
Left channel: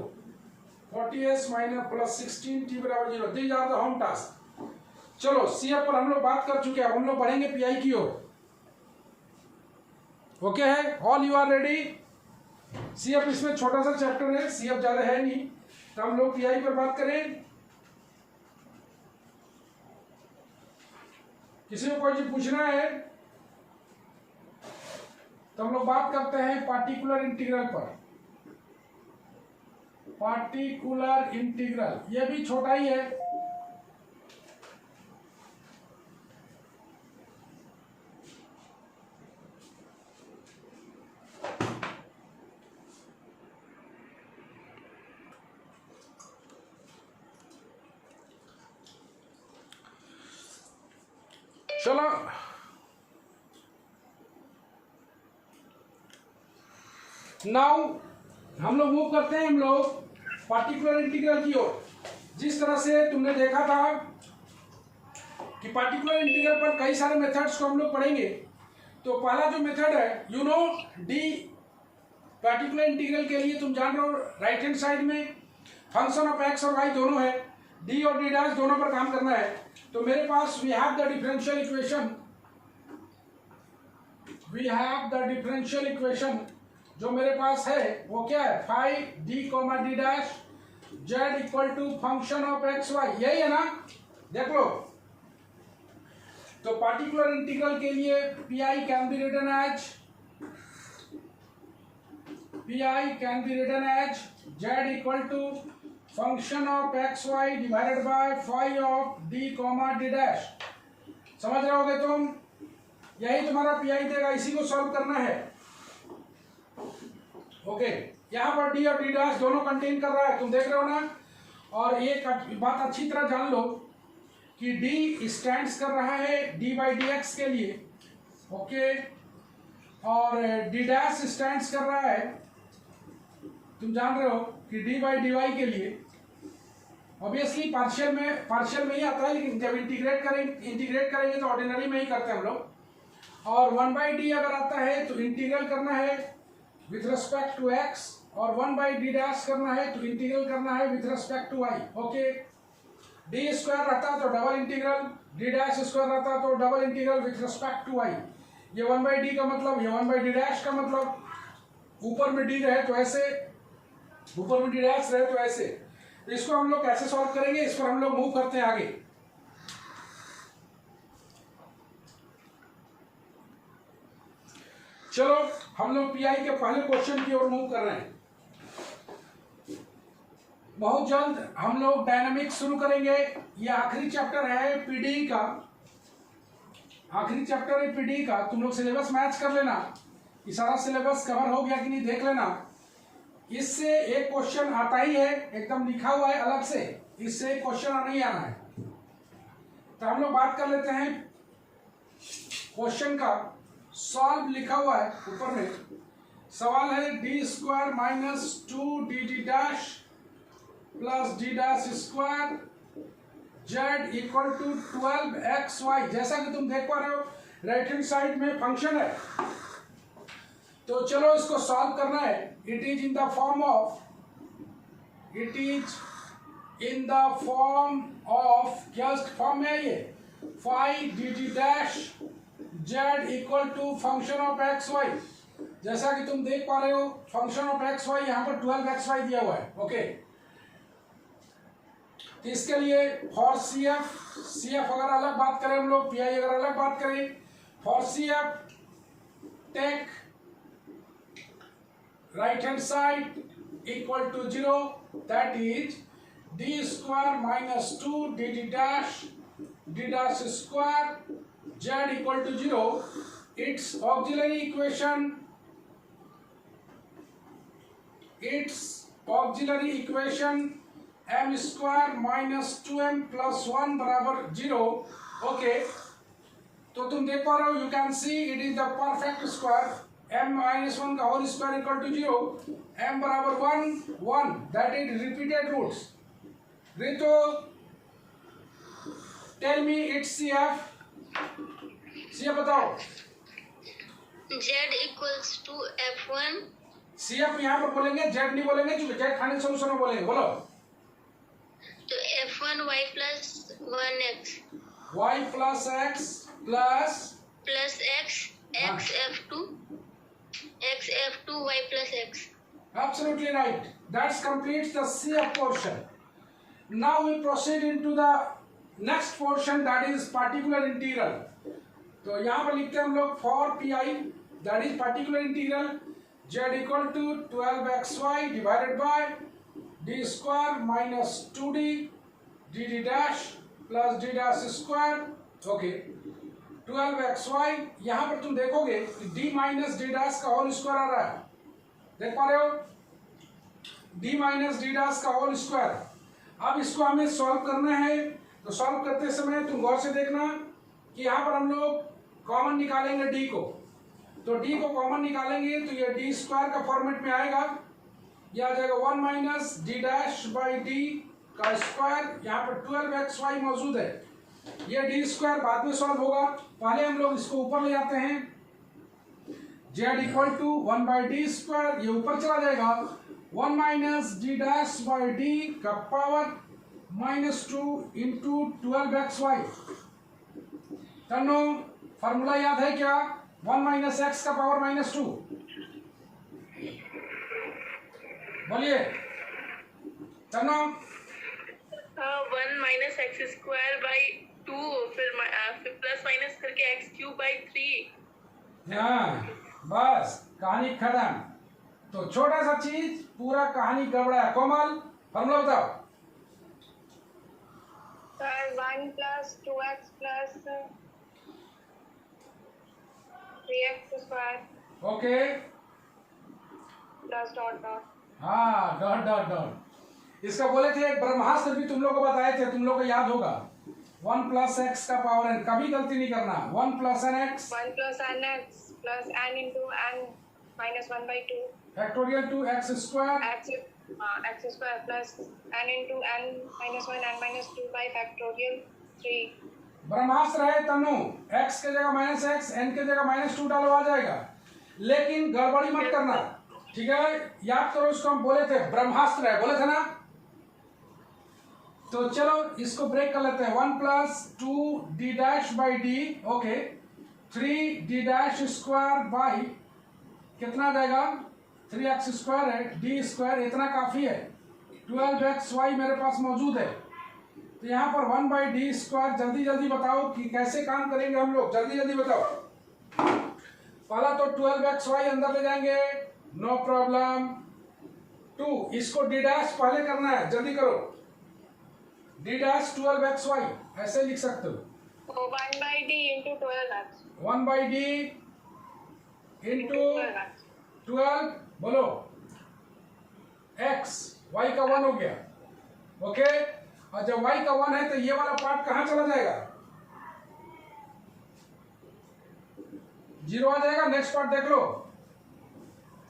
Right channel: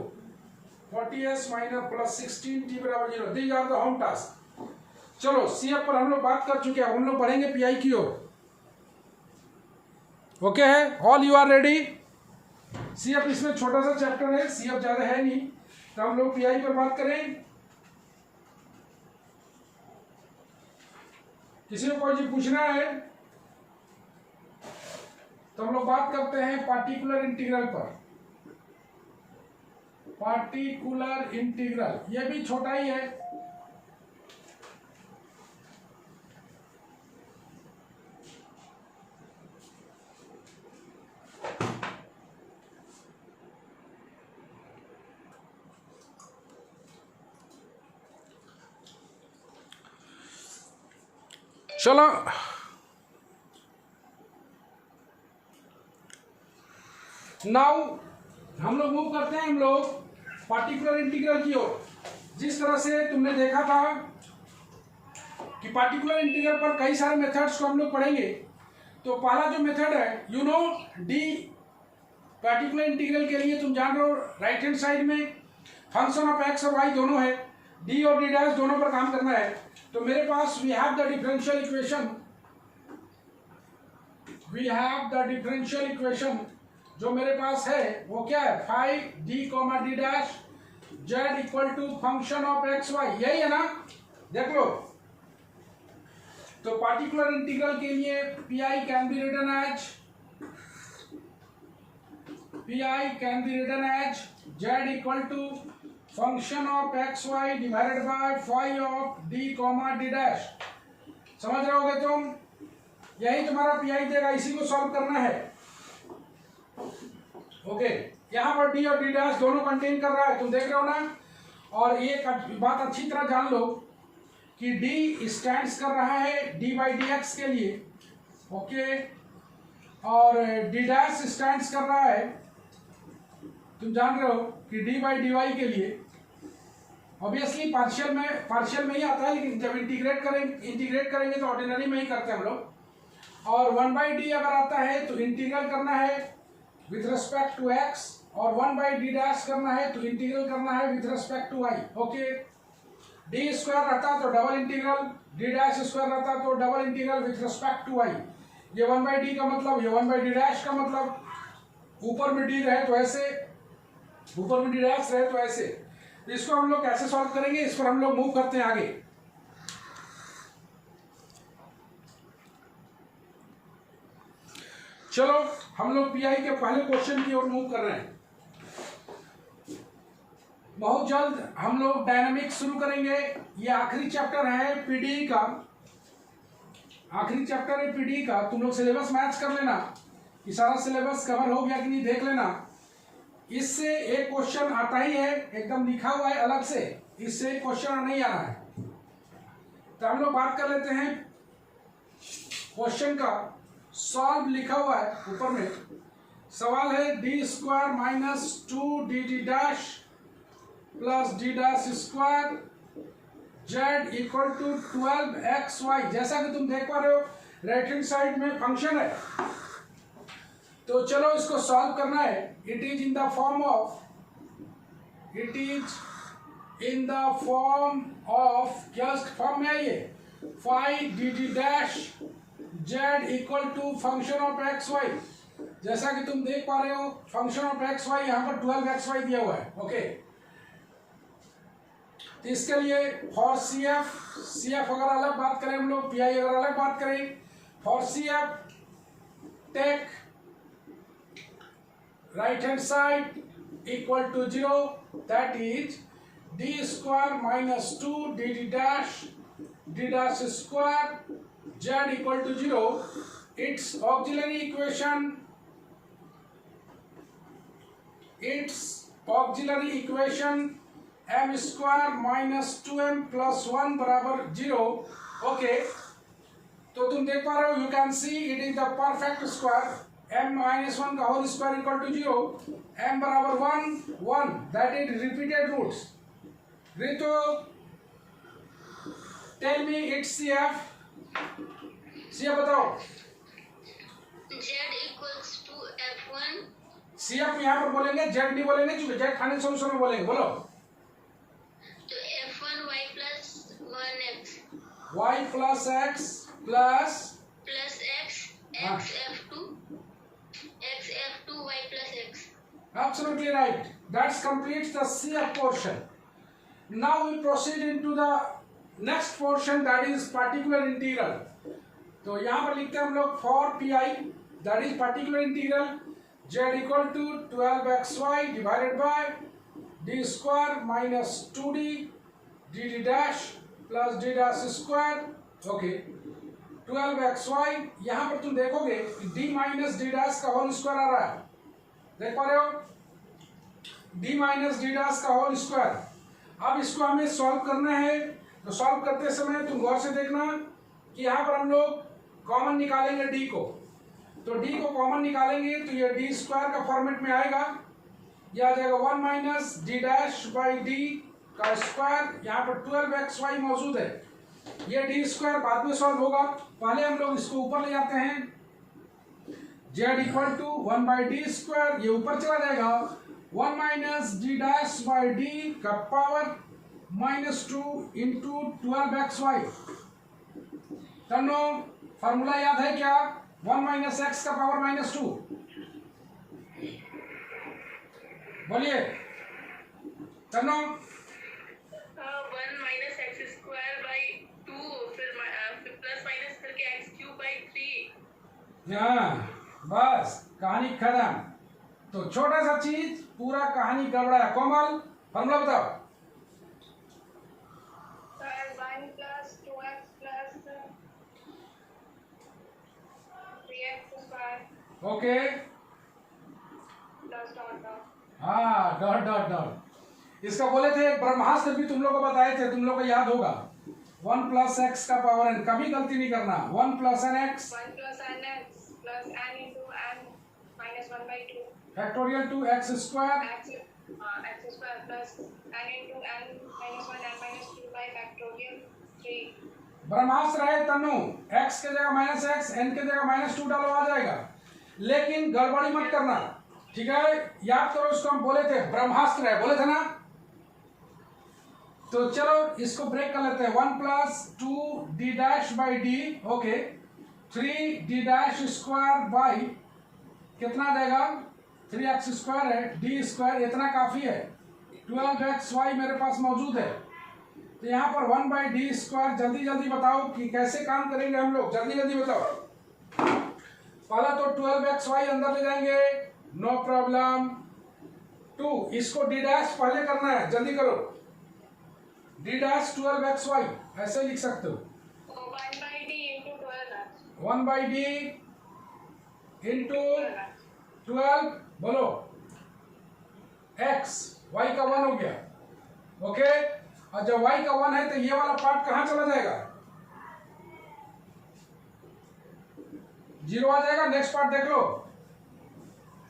40s माइनस प्लस 16t बराबर 0। These are the home task. चलो CF पर हम लोग बात कर चुके हैं, हम लोग पढ़ेंगे PI की ओर। ओके है, all you are ready? CF इसमें छोटा सा चैप्टर है, CF ज्यादा है नहीं, तो हम लोग PI पर बात करें। किसी को कोई चीज पूछना है तो हम लोग बात करते हैं पार्टिकुलर इंटीग्रल पर। पार्टिकुलर इंटीग्रल ये भी छोटा ही है, चलो नाउ हम लोग मूव करते हैं, हम लोग पार्टिकुलर इंटीग्रल की ओर। जिस तरह से तुमने देखा था कि पार्टिकुलर इंटीग्रल पर कई सारे मेथड्स को हम लोग पढ़ेंगे। तो पहला जो मेथड है you know D, particular integral के लिए तुम जान रहे हो राइट हैंड साइड में फंक्शन ऑफ एक्स और वाई दोनों है, डी और डी डैश दोनों पर काम करना है। तो मेरे पास we have the differential equation, जो मेरे पास है वो क्या है, five d comma D dash z equal to function of x y, यही है ना, देख लो। तो पार्टिकुलर इंटीग्रल के लिए P can be written as z equal to function of x y divided by five of D comma D dash. समझ रहे होगे तुम, यही तुम्हारा पी देगा, इसी को सॉल्व करना है। ओके, यहाँ पर डी और डी डैश दोनों कंटेन कर रहा है, तुम देख रहे हो ना। और एक बात अच्छी तरह जान लो कि डी स्टैंड्स कर रहा है डी बाई डी एक्स के लिए, ओके, और डी डैश स्टैंड्स कर रहा है, तुम जान रहे हो कि डी बाई डी वाई के लिए। ऑब्वियसली पार्शियल में ही आता है, लेकिन जब इंटीग्रेट करेंगे तो ऑर्डिनरी में ही करते हैं हम लोग। और वन बाई डी अगर आता है तो इंटीग्रल करना है विथ रिस्पेक्ट टू एक्स, और वन बाई डी डैश करना है तो इंटीग्रल करना है with respect to y. Okay, D square रहता तो double integral, D dash square रहता तो double integral with respect to y. ये वन बाई डी का मतलब, ये वन बाई डी डैश का मतलब, ऊपर में डी रहे तो ऐसे, ऊपर में डी डैश रहे तो ऐसे। तो इसको हम लोग कैसे सॉल्व करेंगे, इस पर हम लोग मूव करते हैं आगे। चलो हम लोग पीआई के पहले क्वेश्चन की ओर मूव कर रहे हैं। बहुत जल्द हम लोग डायनामिक्स शुरू करेंगे। ये आखिरी चैप्टर है पीडी का, तुम लोग सिलेबस मैच कर लेना कि सारा सिलेबस कवर हो गया कि नहीं, देख लेना। इससे एक क्वेश्चन आता ही है, एकदम लिखा हुआ है अलग से, इससे क्वेश्चन नहीं आना है। तो हम लोग बात कर लेते हैं क्वेश्चन का। सॉल्व लिखा हुआ है ऊपर में, सवाल है D square minus two D D dash plus D dash square z equal to 12xy। जैसा कि तुम देख पा रहे हो राइट हैंड साइड में फंक्शन है, तो चलो इसको सॉल्व करना है। It is in the form of क्या फॉर्म में है ये, five D D dash z equal to function of x y. जैसा कि तुम देख पा रहे हो फंक्शन ऑफ एक्स वाई यहाँ पर 12xy दिया हुआ है। ओके, तो इसके लिए फॉर सी एफ अगर अलग बात करें हम लोग, पीआई अगर अलग बात करें, for C F take right hand side equal to 0, that is D square minus two D D dash square z equal to 0. its auxiliary equation m square minus 2m plus 1 बराबर 0. Okay, तो तुम देख पा रहे हो, you can see it is the perfect square, m minus 1 का whole square equal to 0, m बराबर 1 that is repeated roots. रितो टेल मी इट्स CF बताओ। z equals to f1। CF यहाँ पर बोलेंगे, z नहीं बोलेंगे, क्योंकि z फाइनल सॉल्यूशन में बोलेंगे। बोलो तो f1 y plus 1x, y plus x plus x f2 y plus x। Absolutely right. That completes the CF portion. Now we proceed into the next portion, that is particular integral. तो यहाँ पर लिखते हैं हम लोग for PI, that is particular integral z equal to 12xy divided by d square minus 2d dd dash plus d dash square. Okay, 12xy यहाँ पर तुम देखोगे d माइनस d dash का होल स्क्वायर आ रहा है, देख पा रहे हो, d माइनस d dash का होल स्क्वायर। अब इसको हमें सॉल्व करना है, तो सॉल्व करते समय तुम गौर से देखना कि यहाँ पर हम लोग कॉमन निकालेंगे d को, तो d को कॉमन निकालेंगे तो ये d स्क्वायर का फॉर्मेट में आएगा, यह आ जाएगा 1 minus d dash by d का स्क्वायर। यहाँ पर 12xy मौजूद है, ये डी स्क्वायर बाद में सॉल्व होगा, पहले हम लोग इसको ऊपर ले जाते हैं। Z equal to 1 by D square, ये ऊपर चला जाएगा 1 minus D dash by D का पावर -2 इंटू 12xy। तन्नो फॉर्मूला याद है क्या? 1 माइनस एक्स का पावर -2, बोलिए तन्नो। 1 माइनस एक्स स्क्वायर बाई 2, फिर प्लस माइनस करके एक्स क्यूब बाई 3। हाँ बस कहानी खत्म। तो छोटा सा चीज पूरा कहानी गड़बड़ा है। कोमल फॉर्मूला बताओ। 1 plus 2x plus 3x square okay, plus dot dot. हाँ डॉट डॉट डॉट। इसका बोले थे एक ब्रह्मास्त्र भी तुम लोग को बताए थे, तुम लोग को याद होगा। 1 प्लस एक्स का पावर n, कभी गलती नहीं करना। 1 plus n x 1 plus n x plus n into n minus 1 by 2 factorial 2 x square x square plus n into n minus 1 n minus 2 by factorial 3। ब्रह्मास्त्र है तनु। x के जगह minus x, N के जगह -2 डालो, आ जाएगा। लेकिन गड़बड़ी मत करना, ठीक है? याद करो, इसको हम बोले थे ब्रह्मास्त्र है, बोले थे ना। तो चलो इसको ब्रेक कर लेते हैं। 1 plus 2 D dash by D, okay, 3 D dash square by कितना आ जाएगा? 3x स्क्वायर है, डी स्क्वायर इतना काफी है। 12xy मेरे पास मौजूद है। तो यहाँ पर 1 बाई डी स्क्वायर, जल्दी जल्दी बताओ कि कैसे काम करेंगे हम लोग, जल्दी जल्दी बताओ। पहला तो 12xy अंदर ले जाएंगे, नो प्रॉब्लम। 2 इसको डी डैश पहले करना है, जल्दी करो। डी डैश 12xy ऐसे लिख सकते हो। 1 by D into 12x 1 by D into 12, बोलो x, y का 1 हो गया, ओके। और जब y का 1 है तो ये वाला पार्ट कहां चला जाएगा? 0 आ जाएगा। नेक्स्ट पार्ट देख लो,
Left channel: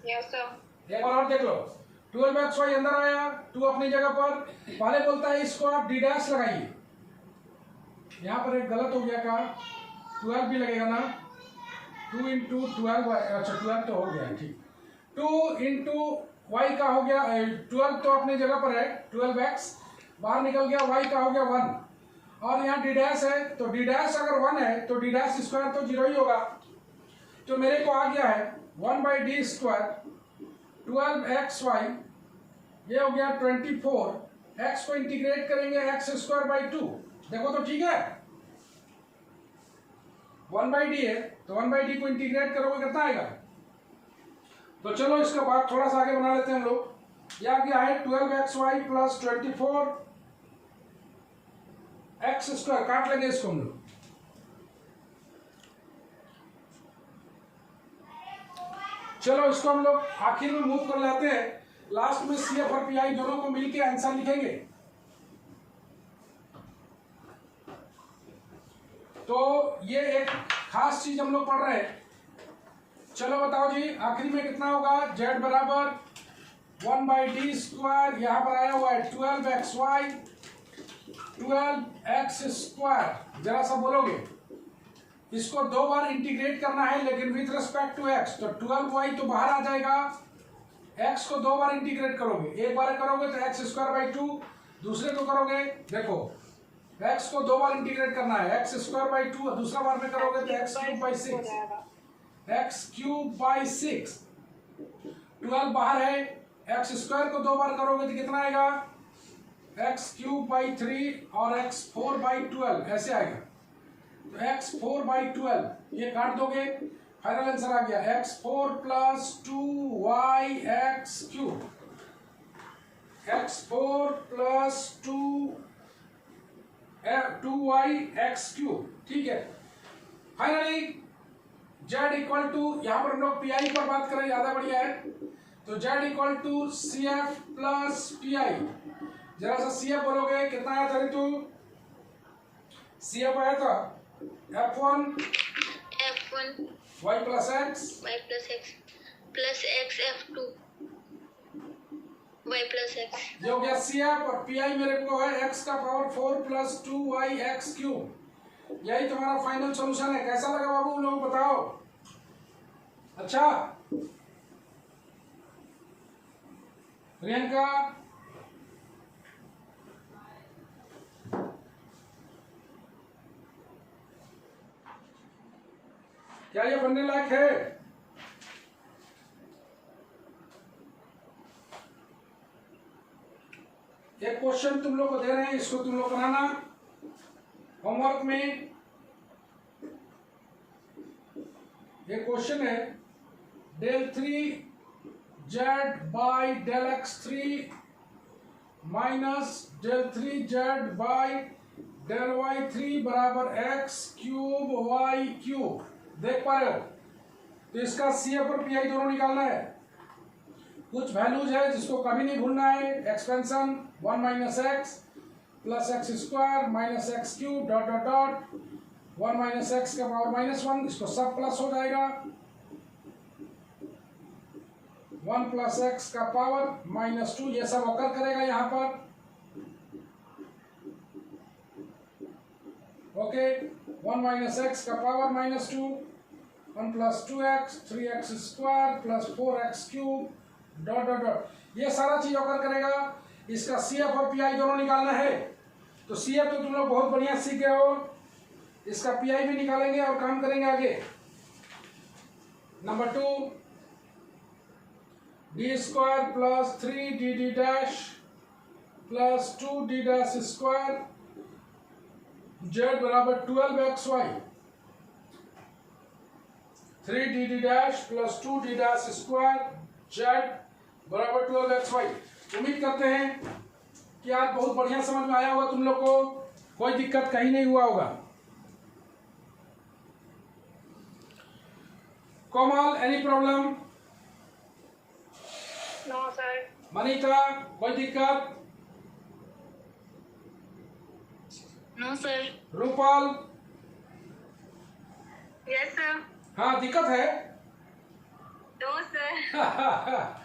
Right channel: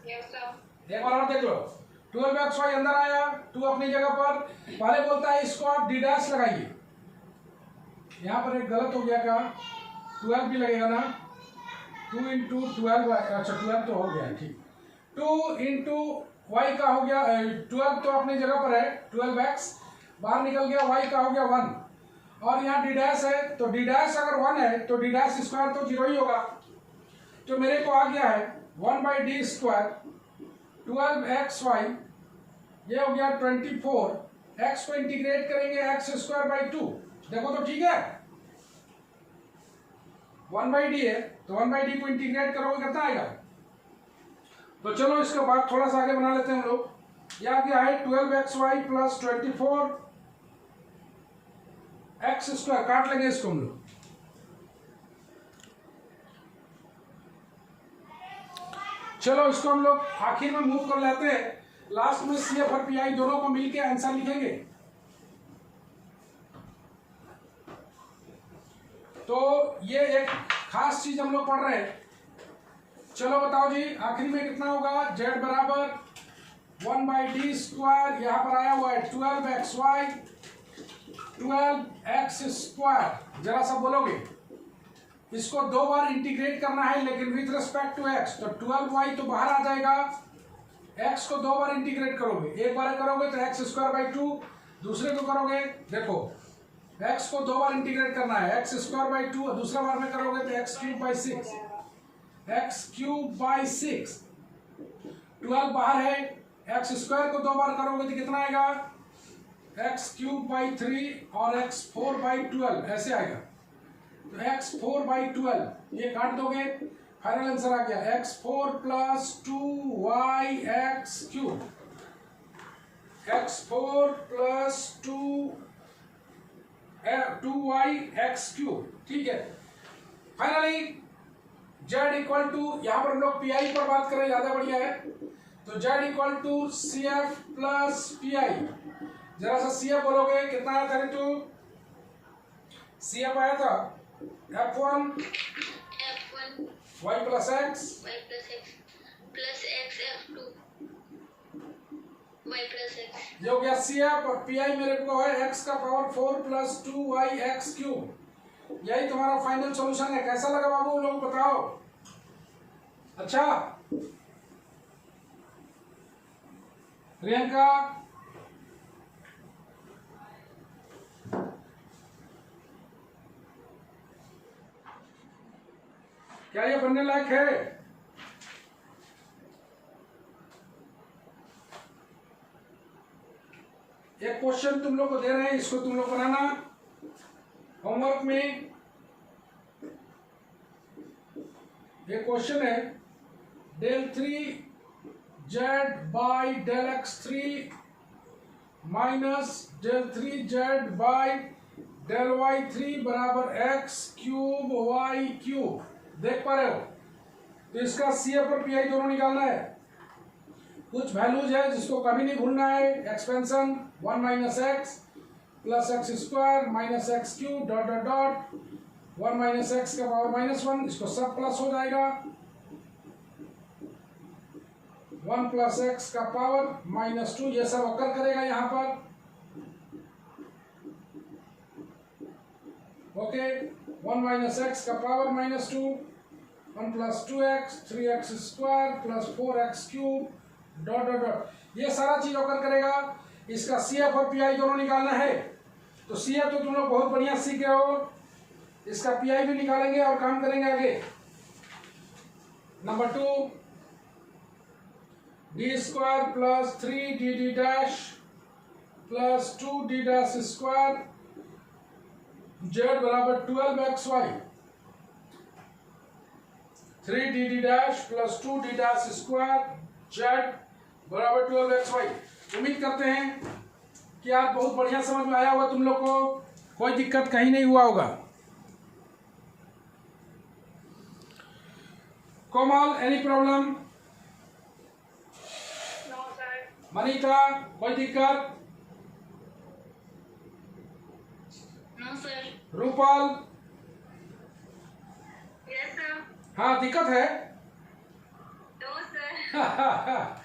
यस सर। एक बार और देख लो। 12xy अंदर आया, 2 अपनी जगह पर। पहले बोलता है इसको आप डी डैश लगाइए। यहां पर एक गलत हो गया, क्या 12 भी लगेगा ना? 2 इंटू 12, अच्छा 12 तो हो गया, ठीक। 2 इंटू वाई का हो गया 12, तो अपनी जगह पर है 12x, बाहर निकल गया, y का हो गया 1। और यहाँ डी डैश है, तो डी डैश अगर 1 है तो डी डैश स्क्वायर तो 0 ही होगा। तो मेरे को आ गया है 1 बाई डी स्क्वायर 12xy, ये हो गया 24। x को इंटीग्रेट करेंगे एक्स स्क्वायर बाई 2, देखो तो ठीक है। 1 बाई डी है तो 1 बाई डी को इंटीग्रेट करोगे कितना आएगा? तो चलो इसका बाद थोड़ा सा आगे बना लेते हैं हम लोग। ये आ गया है 12xy प्लस 24 एक्स स्क्वायर, काट लेंगे इसको हम लोग। चलो इसको हम लोग आखिर में मूव कर लेते हैं। लास्ट में सी एफ और पी आई दोनों को मिलके आंसर लिखेंगे। तो ये एक खास चीज हम लोग पढ़ रहे हैं। चलो बताओ जी, आखिरी में कितना होगा? z बराबर 1 बाई डी स्क्वायर, यहां पर आया हुआ है 12xy 12x स्क्वायर। जरा सा बोलोगे, इसको 2 बार इंटीग्रेट करना है लेकिन विथ रिस्पेक्ट टू x। तो 12y तो बाहर आ जाएगा, x को 2 बार इंटीग्रेट करोगे। एक बार करोगे तो x स्क्वायर बाई 2, दूसरे को करोगे, देखो x को 2 बार इंटीग्रेट करना है, x स्क्वायर बाई 2, और दूसरा बार में करोगे तो x cube by 6, x cube by 6। 12 बाहर है, x स्क्वायर को 2 बार करोगे तो कितना आएगा? x क्यूब बाई 3 और x 4 बाई 12 ऐसे आएगा। तो x 4 बाई 12 ये काट दोगे, फाइनल आंसर आ गया x 4 plus 2y x cube, x 4 plus 2y x cube, ठीक है। फाइनली z इक्वल टू, यहां पर हम लोग पी आई पर बात करें, ज्यादा बढ़िया है। तो z equal to C F plus P I. जरा सा सी एफ बोलोगे, कितना आया था ऋतु? सी एफ आया था f1 y plus x plus x f2 y plus x। ये हो गया सी एफ, और पी आई मेरे को है x का power 4 plus 2y x cube. यही तुम्हारा फाइनल सॉल्यूशन है। कैसा लगा बाबू लोग बताओ? अच्छा प्रियंका, क्या ये बनने लायक है? एक क्वेश्चन तुम लोग को दे रहे हैं, इसको तुम लोग बनाना होमवर्क में। ये क्वेश्चन है del 3z by del x3 minus del 3z by del y3 बराबर x क्यूब y क्यूब। देख पा रहे हो? तो इसका CF और PI दोनों निकालना है। कुछ वैल्यूज है जिसको कभी नहीं भूलना है। Expansion 1 minus x plus x square minus x cube dot dot dot 1 minus x का पावर -1, इसको सब प्लस हो जाएगा। 1 प्लस एक्स का पावर -2, ये सब अकर करेगा यहाँ पर। ओके, 1 माइनस एक्स का power -2, 1 plus 2x 3x square plus 4x cube dot dot dot, ये सारा चीज अकर करेगा। इसका CF और PI दोनों निकालना है। तो CF तो तुम लोग बहुत बढ़िया सीख गए हो, इसका PI भी निकालेंगे और काम करेंगे आगे। Number 2, d square plus 3dd dash plus 2d dash square z बराबर 12xy, 3dd dash plus 2d dash square z बराबर 12xy। उम्मीद करते हैं कि आज बहुत बढ़िया समझ में आया होगा तुम लोग को, कोई दिक्कत कहीं नहीं हुआ होगा। Komal, any problem? No sir. Manita, कोई दिक्कत? No sir. Rupal? Yes sir. हाँ, दिक्कत है? No sir.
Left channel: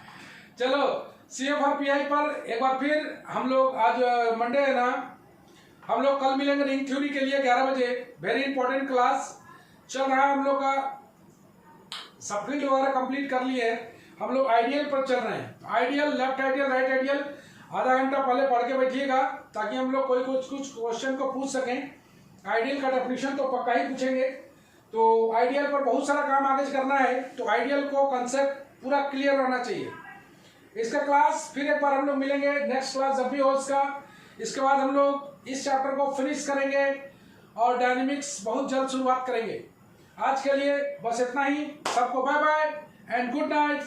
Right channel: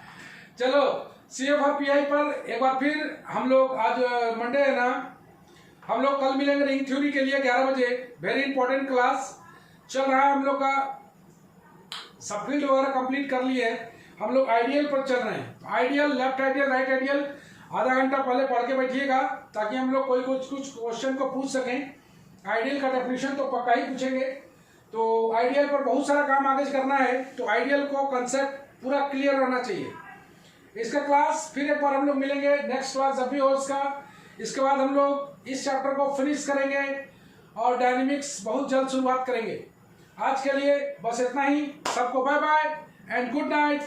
चलो CF और PI पर एक बार फिर हम लोग, आज मंडे है ना, हम लोग कल मिलेंगे रिंग थ्योरी के लिए 11 बजे। वेरी इंपॉर्टेंट क्लास चल रहा है हम लोग का। सब फील्ड वगैरह कंप्लीट कर लिए, हम लोग आइडियल पर चल रहे हैं। Ideal, left ideal, right ideal आधा घंटा पहले पढ़ के बैठिएगा ताकि हम लोग कोई कुछ क्वेश्चन को पूछ सकें। आइडियल का डेफिनेशन तो पक्का ही पूछेंगे। तो आइडियल पर बहुत सारा काम आगे करना है, तो आइडियल को कंसेप्ट पूरा क्लियर रहना चाहिए। इसका क्लास फिर एक बार हम लोग मिलेंगे, नेक्स्ट क्लास जब भी हो इसका। इसके बाद हम लोग इस चैप्टर को फिनिश करेंगे और डायनेमिक्स बहुत जल्द शुरुआत करेंगे। आज के लिए बस इतना ही। सबको bye bye and good night.